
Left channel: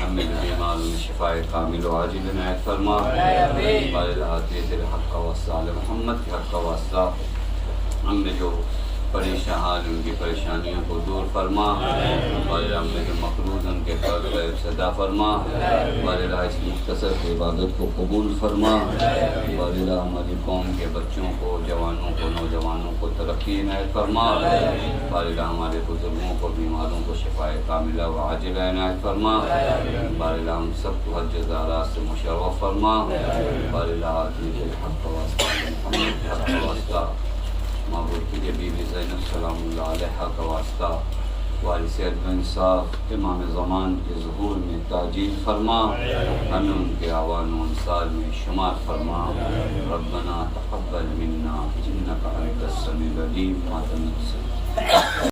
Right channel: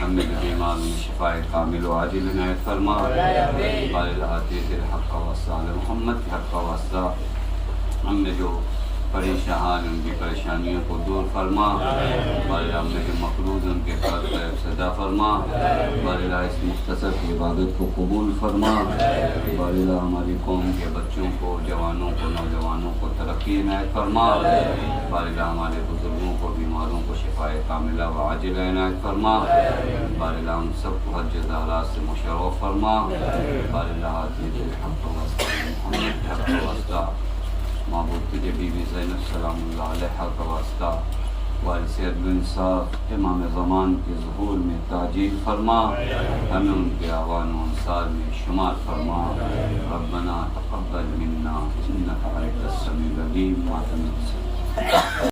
ہمیں ہمیں جو بیماروں میں شفاء کامل و عاجل عنایت فرما بالعافیت الحق وصال محمد کے حق کا واسطہ ہم میں جو پریشان حال ان کی پریشانیوں کو دور فرما واللہ ہم میں جو مقروض ان کے قرض کا صدا فرما واللہ اس مختصر کی عبادت کو قبول فرما واللہ ہماری قوم کے بچوں کو جوانوں کو نوجوانوں کو ترقی عنایت فرما واللہ ہمارے بزرگوں کو بیماروں کو شفاء کاملہ و عاجلہ عنایت فرما واللہ ہم سب کو حج زیارات سے مشرف فرما واللہ آتیت الحق واسطہ محمد کے حق کا واسطہ معبود کی بی بی زینب سلام اللہ علیہ کا واسطہ والد سید بن صاحب امام زمان کے ظہور میں تاجیل فرما ہمیں ان کے اعوان و انصار میں شمار فرما ربنا تقبل منا انک انت السمیع العلیم